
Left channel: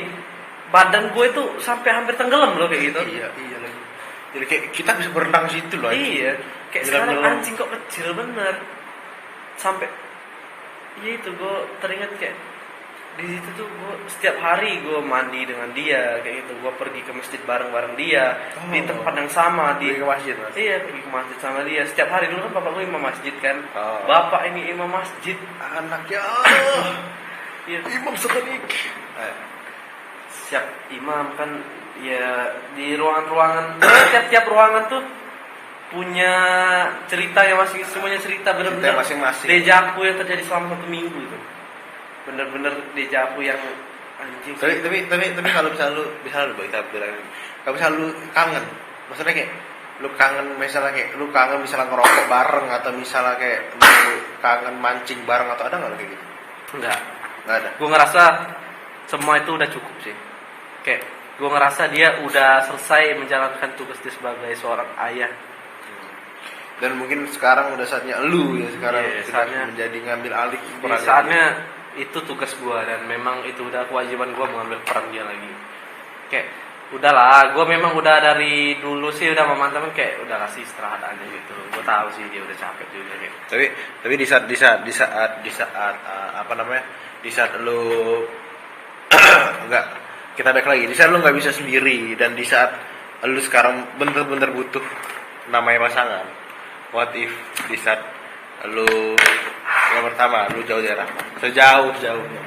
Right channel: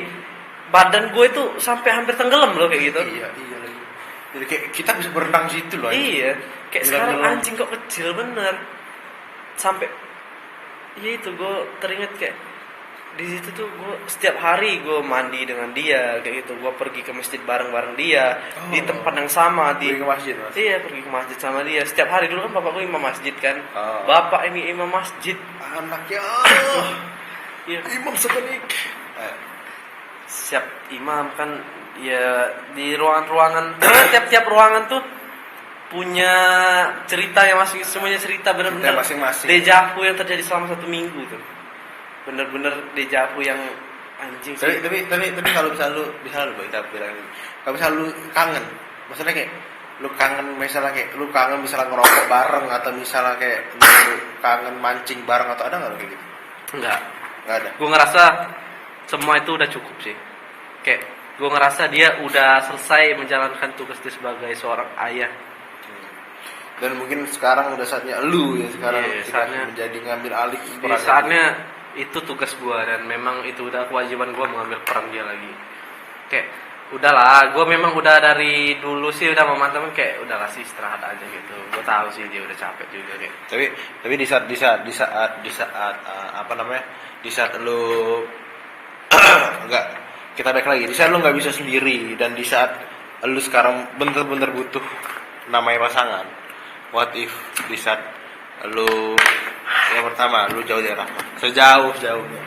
badan gue itu sampai hampir tenggelam loh kayak gitu. Iya lagi. Jadi kayak kita bisa berenang situ loh. Iya, kayak sekarang Nyelam-nyelam. anjing kok kecil bener. Sampai iya itu gue teringat kayak di situ tuh gue setiap hari gue mandi dengan dia kayak gitu. Gue pergi ke masjid bareng dia di tempat yang sama di Pergi ke masjid, Mas. Iya, pergi ke masjid sama dia. Setiap hari dulu kan bapak gue imam masjid kan. Oh. Bapak ini imam masjid. Anaknya Iya. imam sekali. Siap imam kan ya di ruangan-ruangan tiap-tiap ruangan tuh punya cerita yang masing semuanya cerita benar-benar Cerita masing-masing. dejavu yang terjadi selama 1 minggu tuh bener-bener dejavu yang anjing sih. Tapi kalau bisa lu kita bilang kalau bisa lu kangen, maksudnya kayak lu kangen misalnya kayak lu kangen misalnya ngerokok bareng atau misalnya kayak lu kangen mancing bareng atau ada nggak lu kayak gitu? enggak Nggak ada. gue ngerasa semua itu udah cukup sih kayak gue ngerasa dia udah selesai menjalankan tugas itu sebagai seorang ayah. Dan mungkin sekarang udah saatnya lu ya sekarang Iya, sudah saatnya. menjadi ngambil alih Di peran. saatnya itu tugas gue dan memang itu udah kewajiban gue mengambil peran dia lagi. Kayak udahlah, gue memang udah dari dulu sih udah memantapin kayak udah kasih istirahat aja gitu. Gue tahu sih dia udah capek juga gitu. Tapi di saat apa namanya? Di saat lu enggak kita balik lagi. Di saat lu nggak bisa sendiri dan di saat lu sekarang bener-bener butuh namanya pasangan. What if di saat lu yang pertama lu jauh dari Rahmat, sejauh-jauhnya.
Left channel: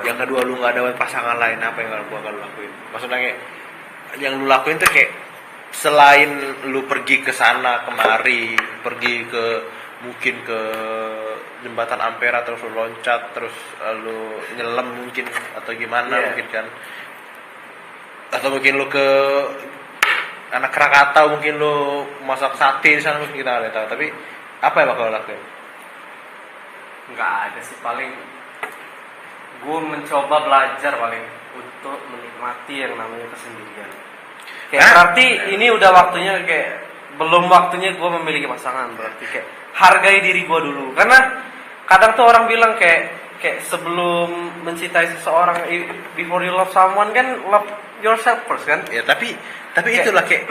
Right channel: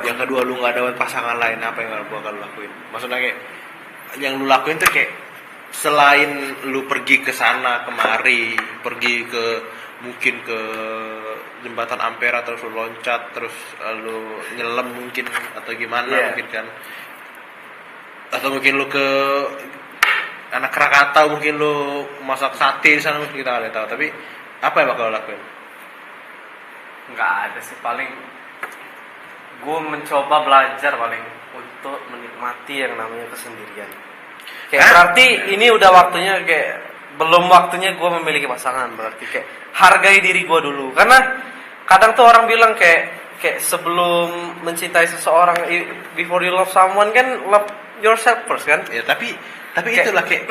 Yang kedua lu nggak ada pasangan lain, apa yang gua akan lakuin? Maksudnya kayak yang lu lakuin tuh kayak selain lu pergi ke sana kemari, pergi ke mungkin ke jembatan Ampera terus lu loncat terus lu nyelam mungkin atau gimana mungkin kan, atau mungkin lu ke anak Krakatau mungkin lu masak sate di sana mungkin kita nggak tahu, tapi apa yang bakal lo lakuin? Nggak ada sih, paling gue mencoba belajar paling untuk menikmati yang namanya kesendirian. Kayak berarti ini udah waktunya kayak belum waktunya gue memiliki pasangan, berarti kayak hargai diri gue dulu. Karena kadang tuh orang bilang kayak sebelum mencintai seseorang, before you love someone kan love yourself first kan? Ya tapi itulah kayak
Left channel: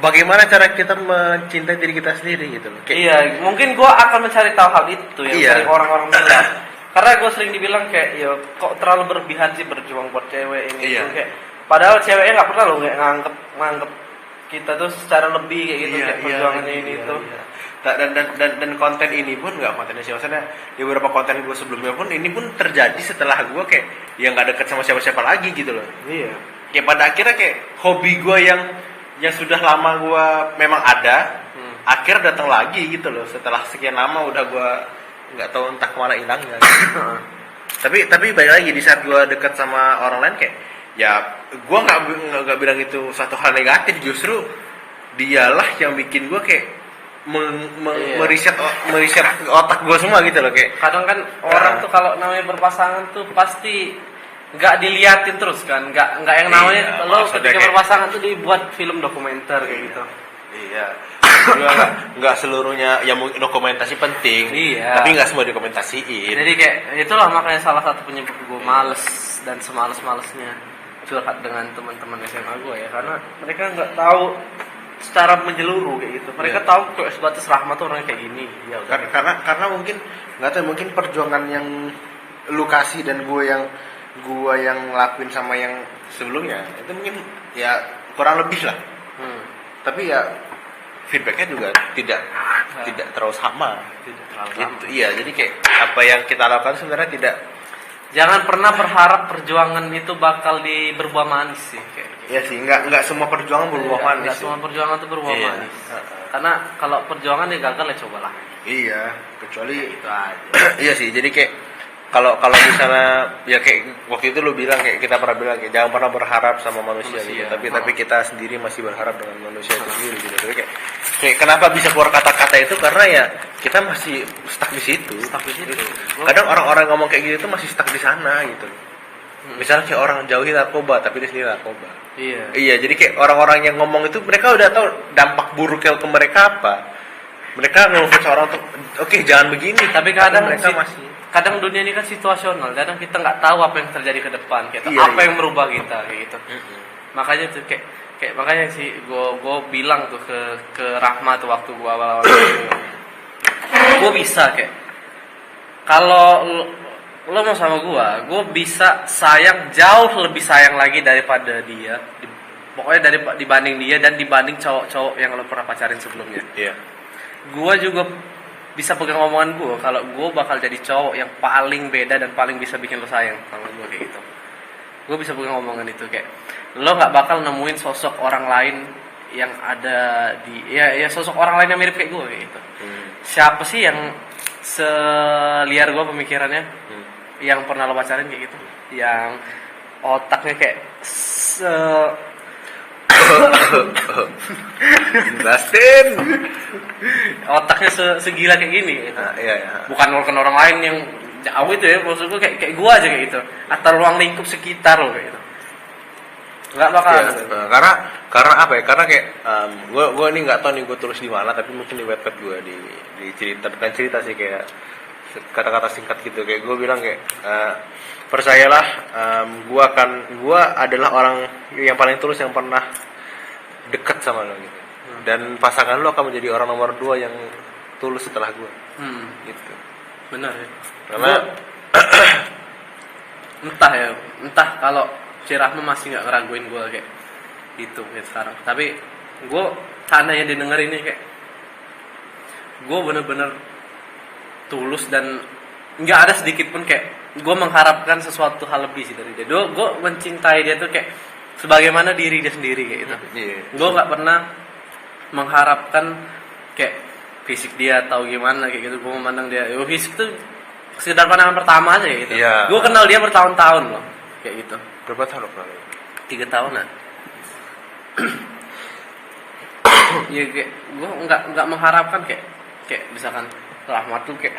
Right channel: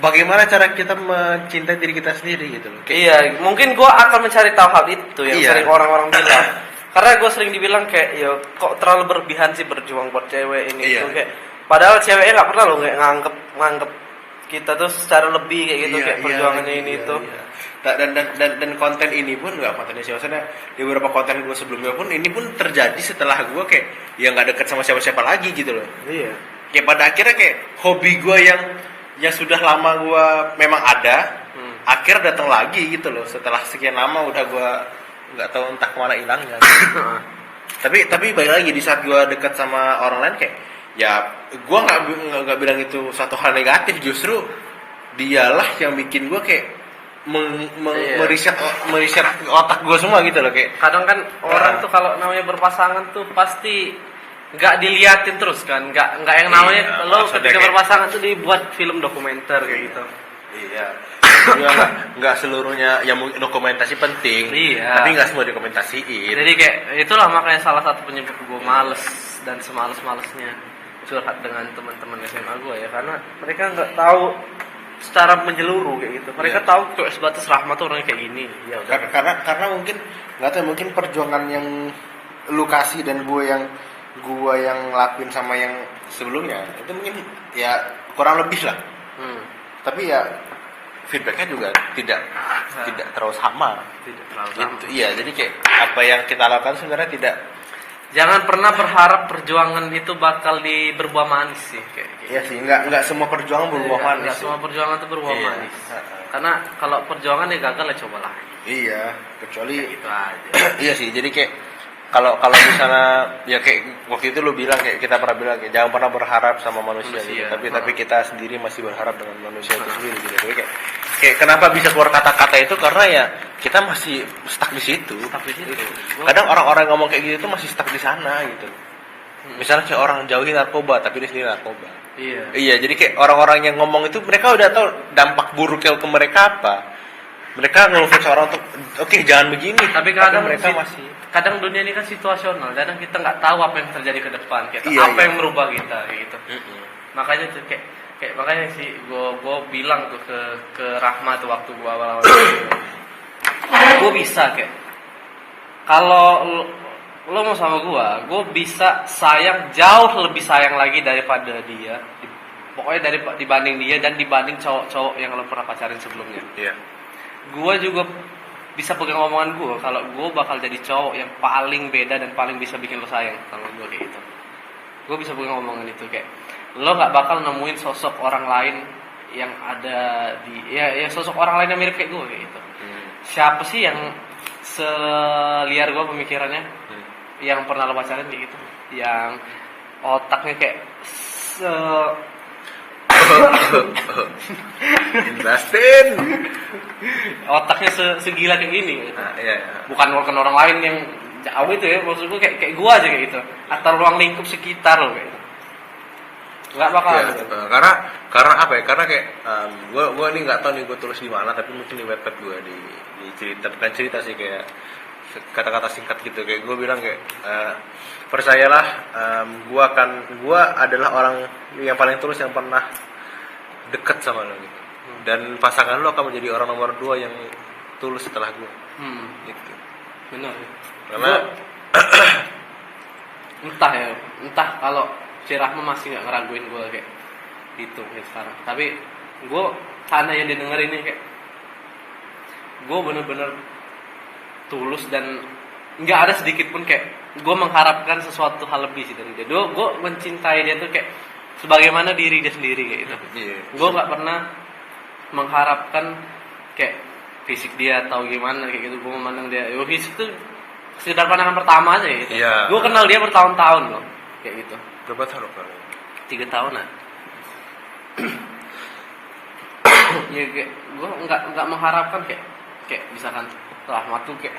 bagaimana cara kita mencintai diri kita sendiri gitu loh. Kayak, iya, mungkin gue akan mencari tahu hal itu yang Iya. sering orang-orang bilang. Karena gue sering dibilang kayak, ya kok terlalu berlebihan sih berjuang buat cewek ini. Iya. Itu kayak, padahal ceweknya nggak pernah loh kayak nganggep kita tuh secara lebih kayak gitu, kayak perjuangannya ini itu. Dan konten ini pun nggak konten sih, maksudnya di beberapa konten gue sebelumnya pun ini pun terjadi setelah gue kayak ya nggak deket sama siapa-siapa lagi gitu loh. Iya. Ya pada akhirnya kayak hobi gue yang sudah lama gue memang ada, akhir datang lagi gitu loh. Setelah sekian lama udah gue nggak tahu entah kemana hilangnya. Gitu. tapi balik lagi di saat gue dekat sama orang lain kayak ya gue nggak bilang itu suatu hal negatif, justru dialah yang bikin gue kayak meriset otak gue semua gitu loh kayak. Kadang kan orang tuh kalau namanya berpasangan tuh pasti nggak diliatin terus kan, nggak yang namanya lo ketika kayak berpasangan tuh dibuat film dokumenter kayak gitu. Iya. Nggak seluruhnya ya dokumentasi penting, tapi nggak semua dokumentasiin. Jadi kayak itulah makanya salah satu penyebab gue males dan semales-malesnya curhat dengan teman-teman SMA gue ya, karena mereka nggak tahu secara menyeluruh kayak gitu. Mereka tahu kayak sebatas Rahmat tuh orangnya kayak gini. Ya, karena mungkin nggak tahu, mungkin perjuangan yang lu kasih dan gue yang lakuin sama yang sebelumnya itu mungkin ya kurang lebih lah. Tapi ya feedbacknya juga tidak terlalu sama. Gitu. Iya, jadi kayak apa yang kita lakukan sebenarnya tidak. Jangan pernah berharap perjuangan itu bakal berbuah manis sih. Iya sih, nggak semua perjuangan berbuah manis. Nggak semua perjuangan itu berbuah manis. Karena kalau perjuangan ya gagal ya cobalah. Iya, kecuali Itu aja. iya sih, jadi kayak kalau misalnya ya kayak waktu itu lu bilang kayak kita pernah bilang kayak jangan pernah berharap sama manusia gitu. Tapi kita sendiri masih berharap dengan manusia itu sendiri gitu. Jadi kayak kenapa bisa keluar kata-kata itu karena ya kita masih stuck di situ. Kadang orang-orang ngomong kayak gitu tuh masih stuck di sana gitu. Misalnya kayak orang jauhi narkoba tapi di sini narkoba. Iya, jadi kayak orang-orang yang ngomong itu mereka udah tahu dampak buruknya ke mereka apa. Mereka ngeluh seorang tuh oke, jangan begini, Tapi kadang mereka masih kadang dunia ini kan situasional, kadang kita nggak tahu apa yang terjadi ke depan, kayak Iya, apa iya. yang merubah kita kayak gitu. Makanya tuh kayak makanya sih gue bilang tuh ke Rahma tuh waktu gue awal-awal gue bisa kayak kalau lo mau sama gue bisa sayang jauh lebih sayang lagi daripada dia, pokoknya dibanding dia dan dibanding cowok-cowok yang lo pernah pacarin sebelumnya. Iya. Gue juga bisa pegang omongan gue kalau gue bakal jadi cowok yang paling beda dan paling bisa bikin lo sayang sama gue kayak gitu. Gue bisa pegang omongan itu kayak lo nggak bakal nemuin sosok orang lain yang ada di ya sosok orang lain yang mirip kayak gue kayak gitu. Siapa sih yang seliar gue pemikirannya yang pernah lo pacarin kayak gitu, yang otaknya kayak Jelasin. otaknya segila kayak gini gitu. Nah, iya. Bukan orang lain yang jauh itu ya, maksud gue kayak gue aja kayak gitu, atau ruang lingkup sekitar lo kayak gitu. Nggak bakal. Ya, karena apa ya? Karena kayak gue ini nggak tahu nih gue tulis di mana, tapi mungkin di webpad gue di cerita, bukan cerita sih, kayak kata-kata singkat gitu. Kayak gue bilang kayak percayalah, gue adalah orang yang paling tulus yang pernah dekat sama lo gitu. Dan pasangan lo akan menjadi orang nomor 2 yang tulus setelah gue. Gitu. Benar ya. Karena entah kalau si Rahma masih nggak ngeraguin gue kayak gitu kayak sekarang, tapi gue karena yang didengar ini kayak gue bener-bener tulus dan nggak ada sedikit pun kayak gue mengharapkan sesuatu hal lebih sih dari dia. Gue mencintai dia tuh kayak sebagaimana diri dia sendiri kayak gitu. Gue nggak pernah mengharapkan kayak fisik dia atau gimana kayak gitu. Gue memandang dia, fisik tuh sekedar pandangan pertama aja gitu. Iya. Gue kenal dia bertahun-tahun loh kayak gitu. berapa tahun lo kenal? 3 tahunan. Ya kayak gue nggak mengharapkan kayak misalkan Rahmat tuh kayak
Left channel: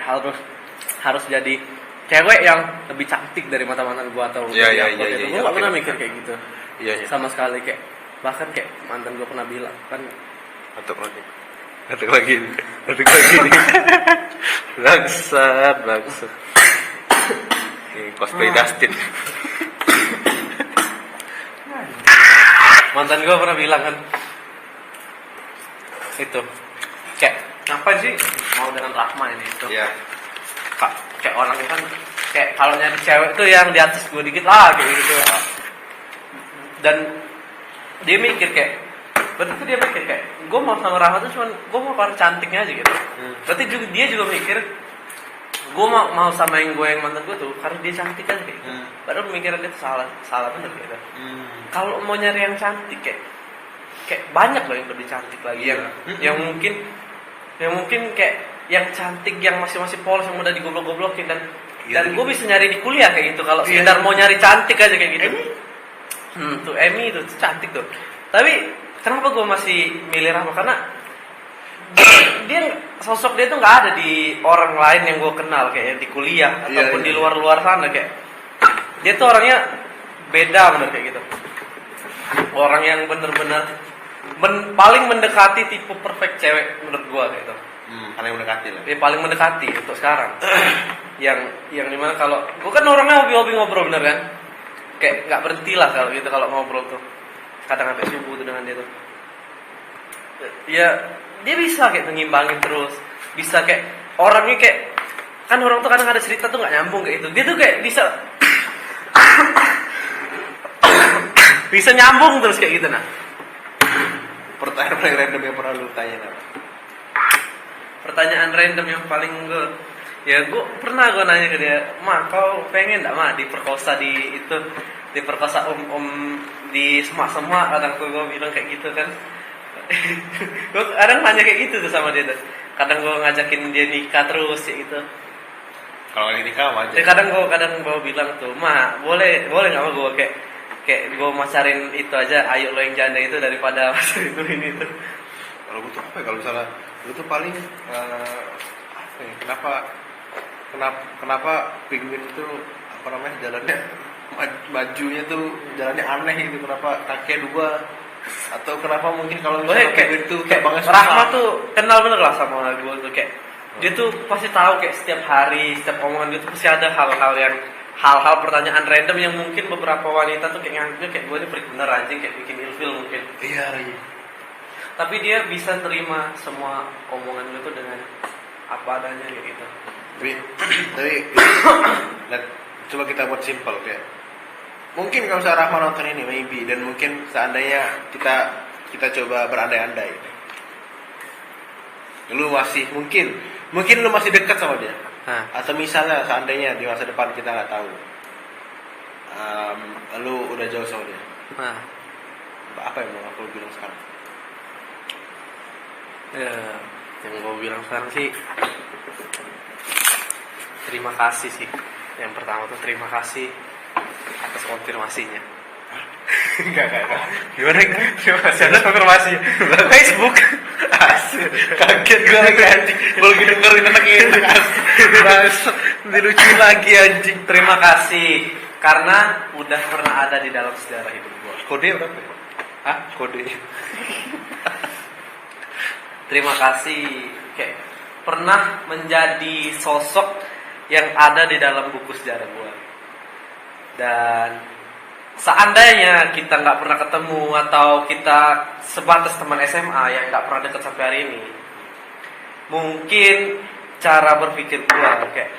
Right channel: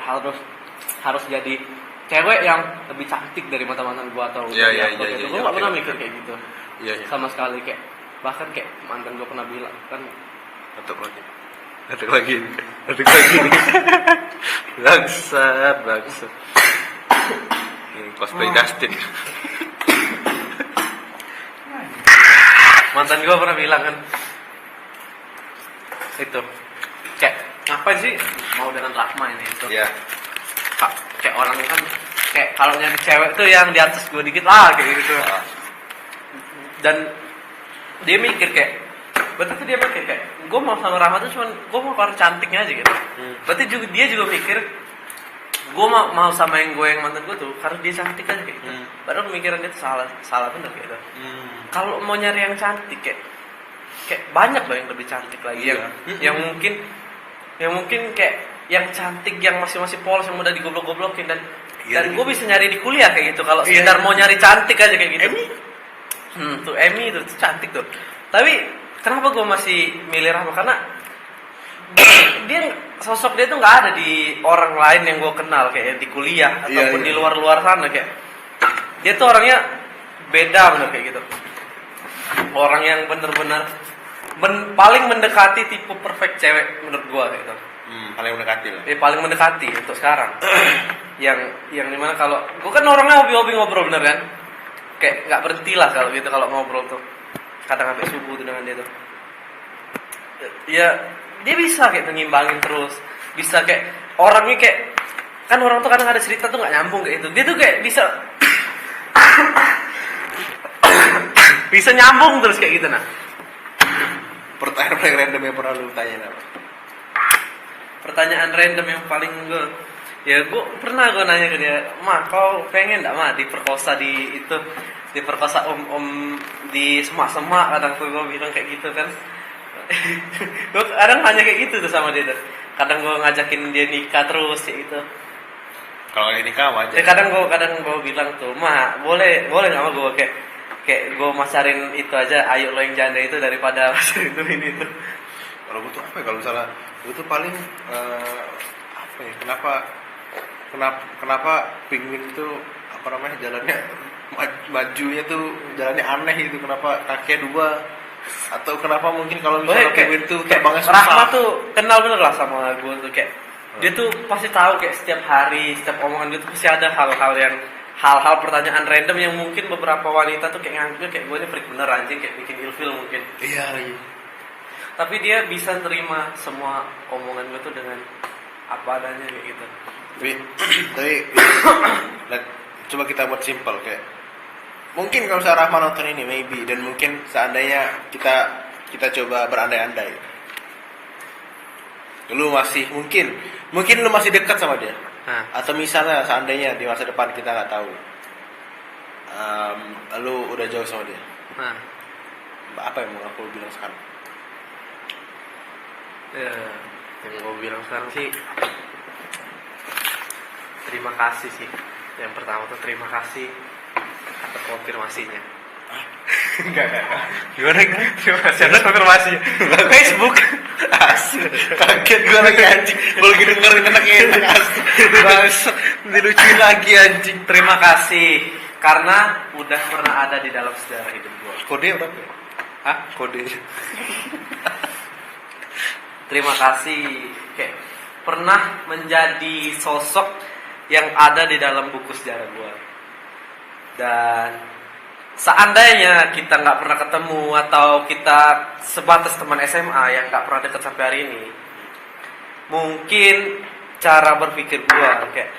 harus jadi cewek yang lebih cantik dari mata-mantan gue atau Iya, gitu. Gue nggak pernah mikir kayak gitu. Iya. Sama sekali kayak bahkan kayak mantan gue pernah bilang kan Atuk lagi nih. Bangsat. Ini cosplay Dustin. mantan gue pernah bilang kan itu kayak apa sih mau dengan Rahma ini itu. Iya. Kayak orangnya kan kayak kalau nyari cewek tuh yang di atas gue dikit lah kayak gitu. Dan dia mikir kayak berarti dia mikir kayak gue mau sama Rahma tuh cuma gue mau orang cantiknya aja gitu. Berarti dia juga mikir gue mau samain gue yang mantan gue tuh karena dia cantik kan kayak gitu. Padahal pemikiran dia tuh salah bener gitu. Kalau mau nyari yang cantik kayak banyak loh yang lebih cantik lagi yang mungkin kayak yang cantik yang masih polos yang udah digoblok-goblokin dan gue bisa nyari di kuliah kayak gitu kalau sekedar mau nyari cantik aja kayak gitu. Tuh Emi itu cantik tuh. Tapi kenapa gue masih milih Rahma? Karena dia sosok dia tuh nggak ada di orang lain yang gue kenal kayak di kuliah ataupun di luar sana kayak dia tuh orangnya beda bener kayak gitu. Orang yang bener-bener paling mendekati tipe perfect cewek menurut gue gitu. Paling mendekati loh. Paling mendekati untuk sekarang. yang dimana kalau gue kan orangnya hobi ngobrol bener kan. Kayak nggak berhenti lah kalau gitu kalau ngobrol tuh. Kadang sampai subuh tuh dengan dia tuh. Ya dia bisa kayak mengimbangin terus. Bisa kayak orangnya kayak kan orang tuh kadang ada cerita tuh nggak nyambung kayak gitu. Dia tuh kayak bisa bisa nyambung terus kayak gitu nah. Pertanyaan paling random yang pernah lu tanya apa? Pertanyaan random yang paling gue pernah nanya ke dia, kau pengen nggak diperkosa diperkosa om di semak kadang tuh gue bilang kayak gitu kan. Gue kadang nanya kayak gitu tuh sama dia tuh. Kadang gue ngajakin dia nikah terus kayak gitu. Kalau lagi nikah aja. Kadang gue bilang tuh, boleh nggak gue kayak gue masarin itu aja, ayo lo yang janda itu daripada masarin itu ini tuh. Kalau butuh apa ya? Kalau misalnya itu paling apa ya? Kenapa penguin itu apa namanya jalannya majunya tuh jalannya aneh gitu? Kenapa kakinya 2? Atau kenapa mungkin kalau misalnya penguin tuh kayak banget Rahma tuh kenal bener lah sama gue tuh kayak Dia tuh pasti tahu kayak setiap hari, setiap omongan dia tuh pasti ada hal-hal pertanyaan random yang mungkin beberapa wanita tuh kayak nganggapnya kayak gue ini freak bener anjing, kayak bikin ilfil mungkin. Iya. Tapi dia bisa terima semua omongan itu dengan apa adanya kayak gitu. Tapi nah, coba kita buat simpel kayak mungkin kalau misalnya Rahma nonton ini maybe, dan mungkin seandainya kita coba berandai-andai, lu masih mungkin lu masih dekat sama dia. Atau misalnya seandainya di masa depan kita nggak tahu, lu udah jauh sama dia. Apa yang mau aku bilang sekarang? Ya, yang gue bilang sekarang sih terima kasih sih. Yang pertama tuh terima kasih atas konfirmasinya. Enggak. Gimana kan? Siapa konfirmasi? Facebook. Kaget gue lagi anjing. Gue lagi dengerin anak ini. Dilucu lagi anjing. Terima kasih karena udah pernah ada di dalam sejarah hidup gue. Kode berapa? Hah? Kode. Terima kasih kayak pernah menjadi sosok yang ada di dalam buku sejarah gue. Dan seandainya kita nggak pernah ketemu atau kita sebatas teman SMA yang nggak pernah dekat sampai hari ini, mungkin cara berpikir gue kayak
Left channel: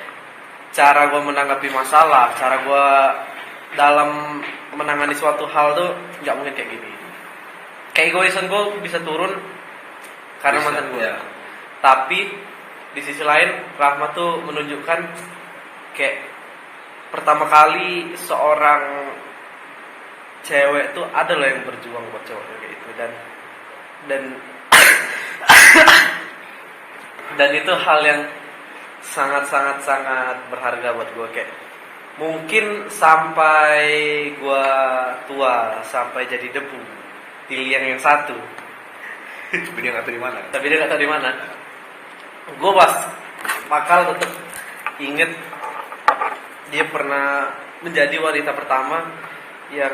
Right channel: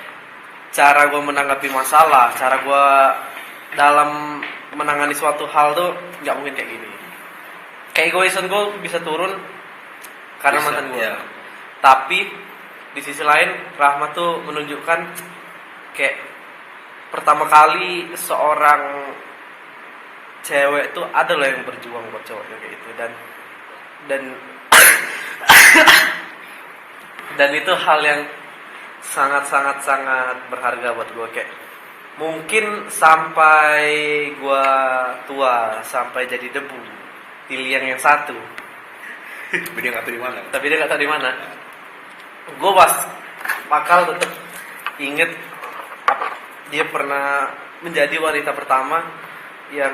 cara gue menanggapi masalah, cara gue dalam menangani suatu hal tuh nggak mungkin kayak gini. Kayak egoisan gue bisa turun karena mantan gue. Ya. Tapi di sisi lain Rahmat tuh menunjukkan kayak pertama kali seorang cewek tuh ada loh yang berjuang buat cowok kayak itu, dan itu hal yang sangat berharga buat gue. Kayak mungkin sampai gue tua, sampai jadi debu di liang yang satu, Tapi dia nggak tahu di mana. Gue bakal tetap inget dia pernah menjadi wanita pertama yang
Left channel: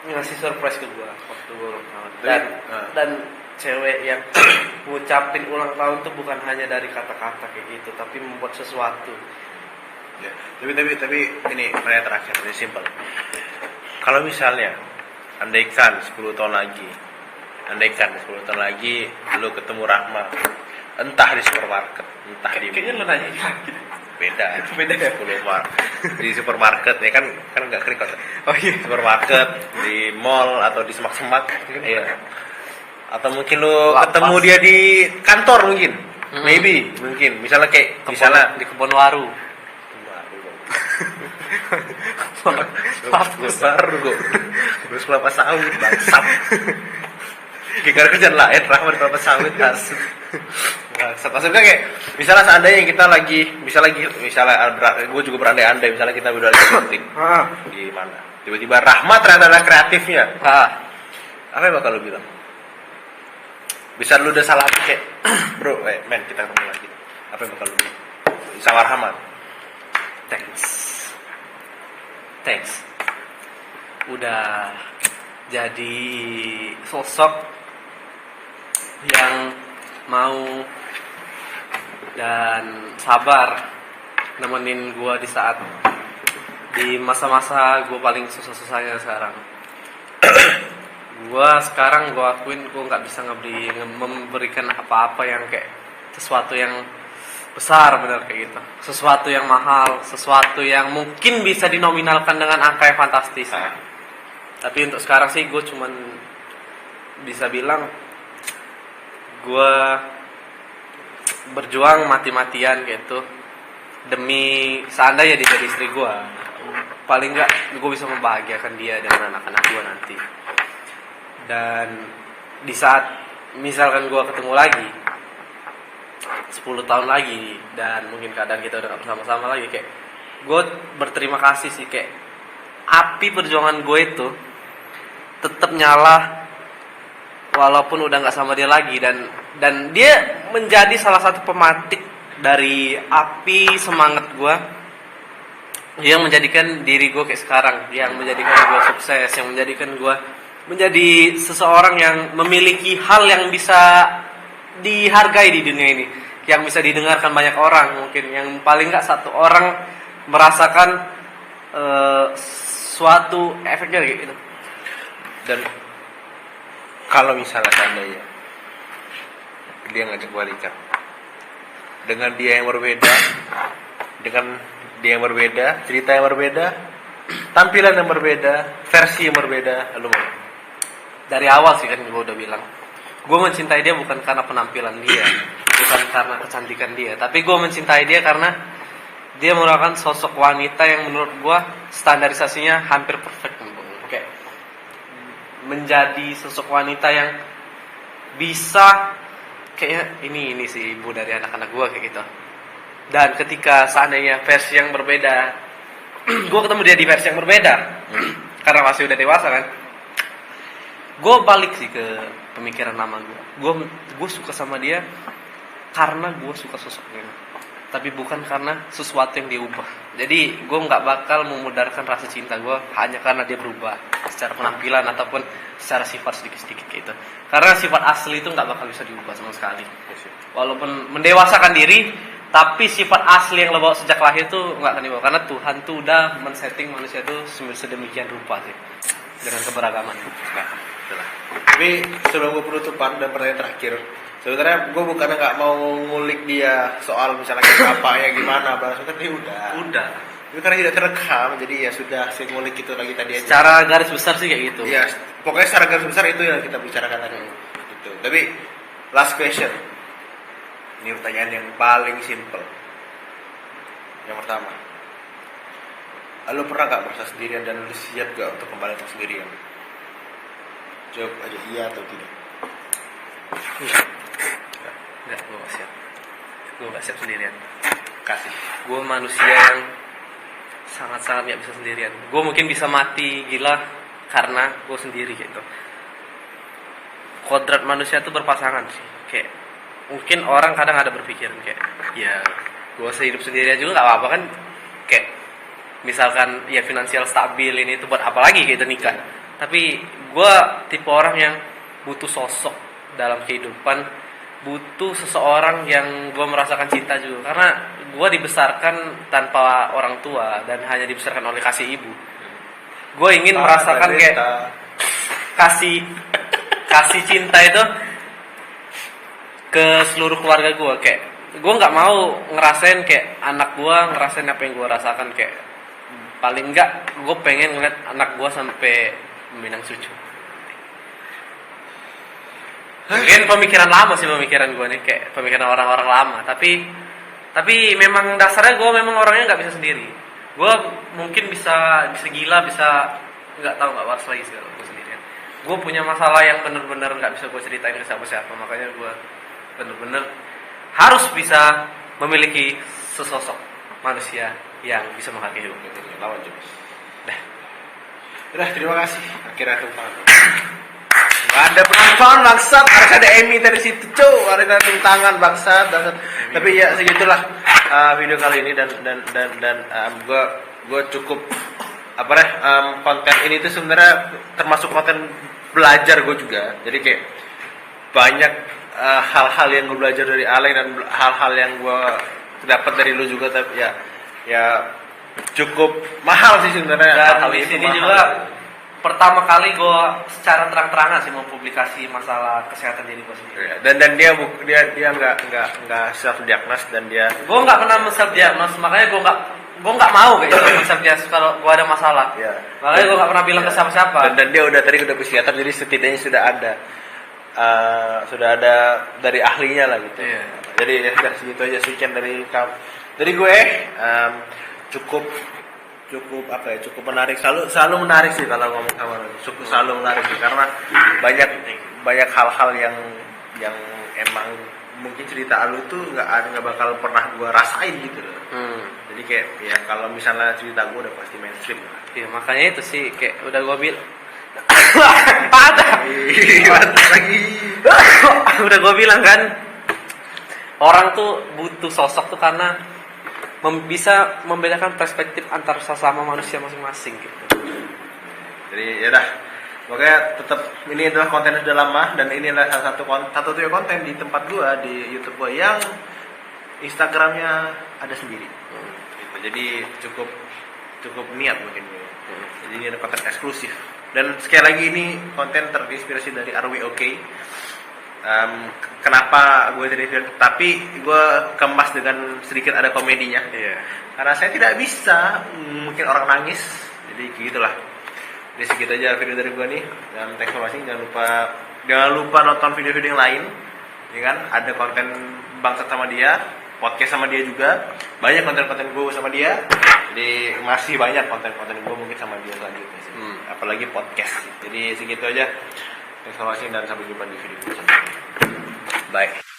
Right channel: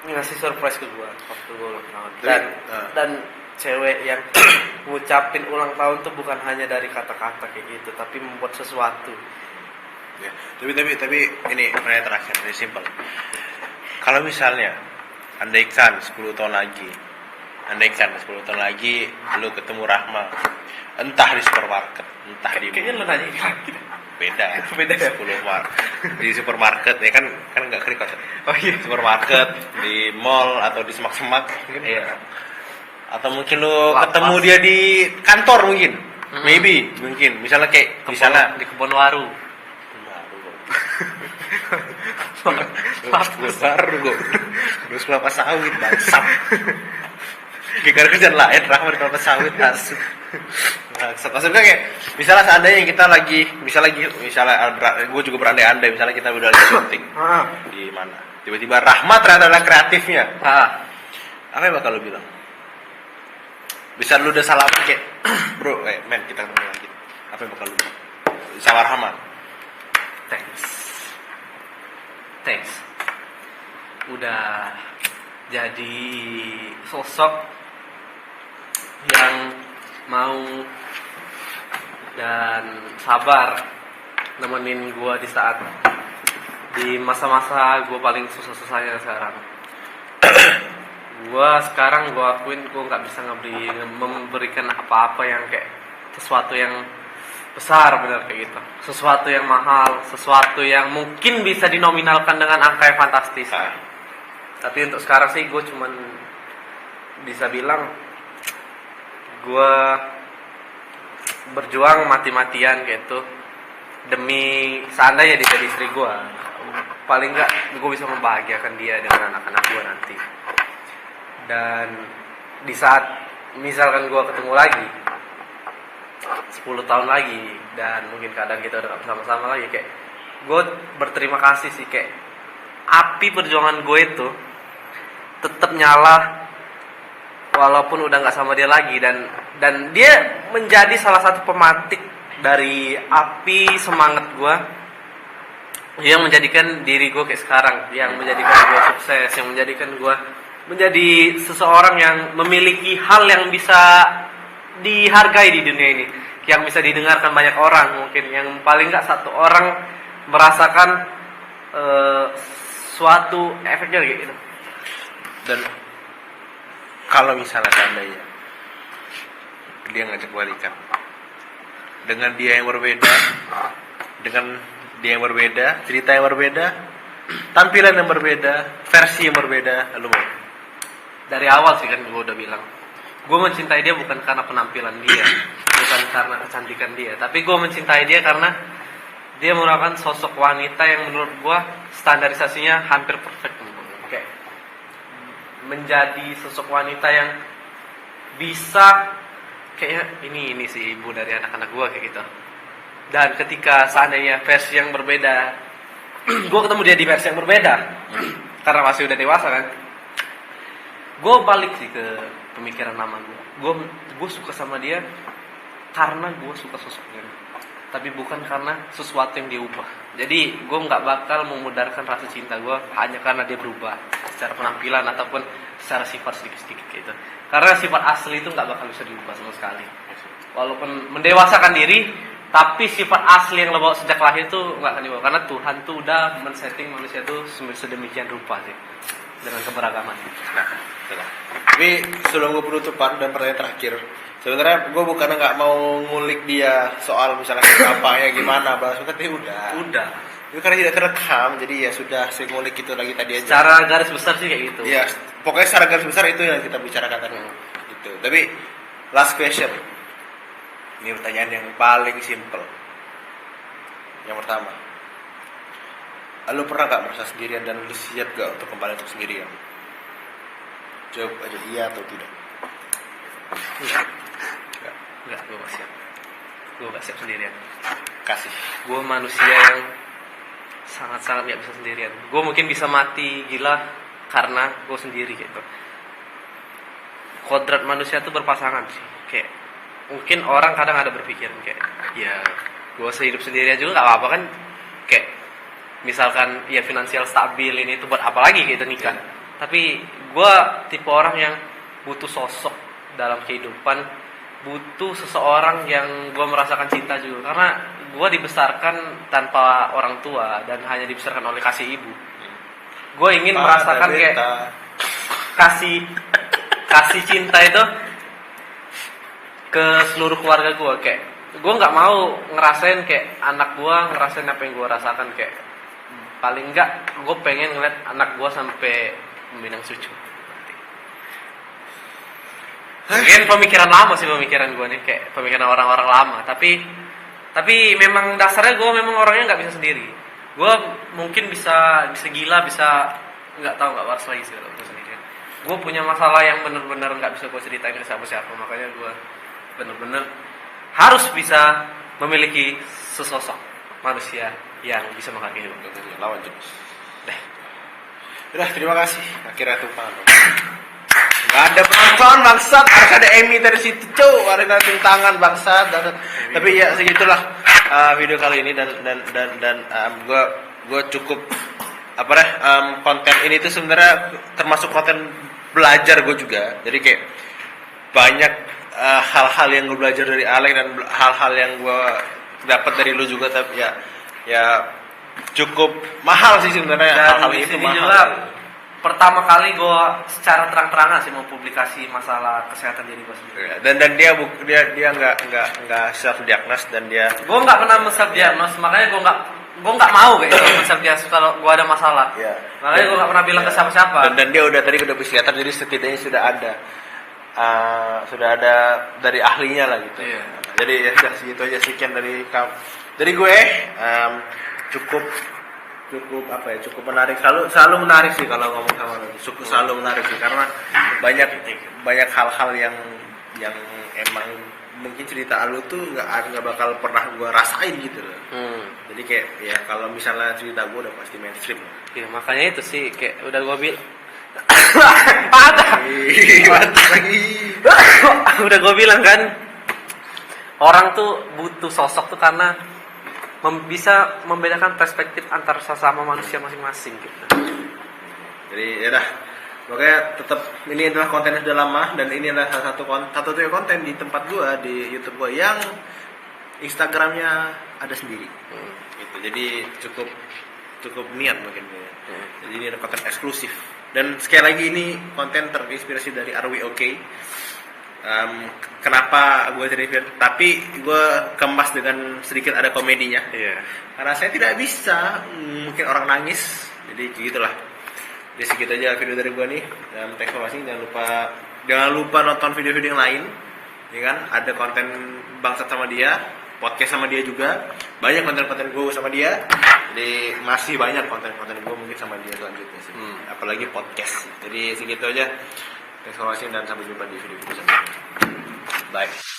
ngasih surprise ke gue waktu gue ulang tahun. Dan cewek yang ngucapin ulang tahun tuh bukan hanya dari kata-kata kayak gitu, tapi membuat sesuatu. Ya, tapi ini kayak terasa lebih simpel. Kalau misalnya andaikan 10 tahun lagi lu ketemu Rahma, entah di supermarket, entah di Kayaknya lu nanya beda 10 di supermarket ya kan nggak klik kan. Oh iya. Supermarket, di mall atau di semak-semak mungkin. Iya. Atau mungkin lu ketemu dia di kantor mungkin. Maybe misalnya kayak Di kebun waru. Baru gue terus kelapa sawit bangsat. Kayak kerjaan lain Rahmat kelapa sawit asik. Maksudnya kayak misalnya seandainya kita gue juga berandai-andai misalnya kita udah di syuting di mana, tiba-tiba Rahmat ternyata ada kreatifnya. Apa yang bakal lu bilang? Bisa lu udah salah kayak bro, men kita ketemu lagi. Apa yang bakal lu bilang sama Rahmat? Thanks. Udah jadi sosok yang mau dan sabar nemenin gue di masa-masa gue paling susah-susahnya sekarang. Gue akuin gue nggak bisa memberikan apa-apa yang kayak sesuatu yang besar bener kayak gitu, sesuatu yang mahal, sesuatu yang mungkin bisa dinominalkan dengan angka yang fantastis. Tapi untuk sekarang sih gue cuman bisa bilang gue berjuang mati-matian gitu demi seandainya dia jadi istri gue, paling nggak gue bisa membahagiakan dia dengan anak-anak gue nanti. Dan di saat misalkan gue ketemu lagi 10 tahun lagi dan mungkin keadaan kita udah gak bersama-sama lagi, kayak gue berterima kasih sih, kayak api perjuangan gue itu tetap nyala walaupun udah gak sama dia lagi, dan dia menjadi salah satu pematik dari api semangat gue yang menjadikan diri gue kayak sekarang, yang menjadikan gue sukses, yang menjadikan gue menjadi seseorang yang memiliki hal yang bisa dihargai di dunia ini. yang bisa didengarkan banyak orang, mungkin yang paling nggak satu orang merasakan suatu efeknya kayak gitu. Dan kalau misalnya seandainya dia ngajak balikan dengan dia yang berbeda, dengan dia yang berbeda, cerita yang berbeda, tampilan yang berbeda, versi yang berbeda, lu mau? Dari awal sih kan gue udah bilang, gue mencintai dia bukan karena penampilan dia, bukan karena kecantikan dia, tapi gue mencintai dia karena dia merupakan sosok wanita yang menurut gue standarisasinya hampir perfect, kayak menjadi sosok wanita yang bisa kayaknya ini sih ibu dari anak-anak gue kayak gitu. Dan ketika seandainya versi yang berbeda, gue ketemu dia di versi yang berbeda, karena masih udah dewasa kan, gue balik sih ke pemikiran lama gue. Gue suka sama dia karena gue suka sosoknya, tapi bukan karena sesuatu yang dia ubah. Jadi gue nggak bakal memudarkan rasa cinta gue hanya karena dia berubah secara penampilan ataupun secara sifat sedikit-sedikit gitu. Karena sifat asli itu nggak bakal bisa diubah sama sekali. Walaupun mendewasakan diri, tapi sifat asli yang lo bawa sejak lahir itu nggak akan dibawa. Karena Tuhan tuh udah men-setting manusia itu sedemikian rupa sih dengan keberagaman. Nah, itulah. Tapi sebelum gue penutupan dan pertanyaan terakhir, sebenarnya gue bukannya nggak mau ngulik dia soal misalnya apanya gimana, tapi udah. Ini karena tidak terekam, jadi ya sudah saya ngulik itu lagi tadi aja. Secara garis besar sih kayak gitu. Iya, pokoknya secara garis besar itu yang kita bicarakan tadi. Itu. Tapi last question. Ini pertanyaan yang paling simple. Yang pertama, lu pernah gak merasa sendirian dan lu siap gak untuk kembali untuk sendirian? Jawab aja iya atau tidak. Enggak, gue gak siap. Gue gak siap sendirian. Kasih. Gue manusia yang sangat-sangat gak bisa sendirian. Gue mungkin bisa mati gila karena gue sendiri gitu. Kodrat manusia tuh berpasangan sih. Kayak mungkin orang kadang ada berpikiran kayak, ya gue sehidup sendiri aja gak apa-apa kan. Kayak misalkan ya finansial stabil ini tuh buat apa lagi gitu nikah. Tapi gue tipe orang yang butuh sosok dalam kehidupan, butuh seseorang yang gue merasakan cinta juga. Karena gue dibesarkan tanpa orang tua dan hanya dibesarkan oleh kasih ibu. Gue ingin merasakan kayak kasih cinta itu ke seluruh keluarga gue. Kayak gue nggak mau ngerasain kayak anak gue ngerasain apa yang gue rasakan. Kayak paling enggak gue pengen ngeliat anak gue sampai meminang susu. Mungkin pemikiran lama sih pemikiran gue nih, kayak pemikiran orang-orang lama. Tapi memang dasarnya gue memang orangnya nggak bisa sendiri. Gue mungkin bisa gila, bisa nggak tahu nggak waras lagi segala macam sebetulnya. Gue punya masalah yang benar-benar nggak bisa gue ceritain ke siapa-siapa. Makanya gue benar-benar harus bisa memiliki sesosok manusia yang bisa menghargai hidup. Lawan James. Udah, terima kasih. Akhirnya tumpang. Gak ada penonton bangsat, harus ada Emmy dari situ harus ada tangan bangsat. Tapi ya segitulah video kali ini dan gue cukup konten ini tuh sebenarnya termasuk konten belajar gue juga. Jadi kayak banyak hal-hal yang gue belajar dari Alek dan hal-hal yang gue dapat dari lu juga. Tapi ya cukup mahal sih sebenarnya hal-hal itu mahal. Juga pertama kali gue secara terang-terangan sih mau publikasi masalah kesehatan diri gue sendiri. Dan dia nggak self diagnos dan dia. Gue nggak pernah self diagnos, makanya gue nggak mau gitu self diagnos kalau gue ada masalah. Ya. Makanya gue nggak pernah bilang ke siapa-siapa. Dan dia udah psikiater, jadi setidaknya sudah ada dari ahlinya lah gitu. Iya. Jadi ya udah segitu aja sekian dari gue cukup menarik, selalu menarik sih kalau ngomong sama lu. Selalu menarik sih karena banyak hal-hal yang emang mungkin cerita lu tuh nggak bakal pernah gue rasain gitu loh. Jadi kayak ya kalau misalnya cerita gue udah pasti mainstream lah. Ya, makanya itu sih kayak udah gue bilang patah lagi. Udah gue bilang kan, orang tuh butuh sosok tuh karena bisa membedakan perspektif antar sesama manusia masing-masing gitu. Jadi ya udah, makanya tetap ini adalah konten yang sudah lama dan ini adalah salah satu konten di tempat gua di YouTube gua yang Instagramnya ada sendiri. Gitu. Jadi cukup niat mungkin ya. Jadi ini ada konten eksklusif. Dan sekali lagi ini konten terinspirasi dari Are We Okay. Kenapa gue jadi film? Tapi gue kemas dengan sedikit ada komedinya. Iya. Karena saya tidak bisa mungkin orang nangis. Jadi gitulah. Jadi segitu aja video dari gue nih. Dan thanks for watching. Jangan lupa nonton video-video yang lain. Ya kan? Ada konten bangsat sama dia, podcast sama dia juga. Banyak konten-konten gue sama dia. Jadi masih banyak konten-konten gue mungkin sama dia selanjutnya sih. Apalagi podcast. Jadi segitu aja. Thanks for watching dan sampai jumpa di video selanjutnya. Bye.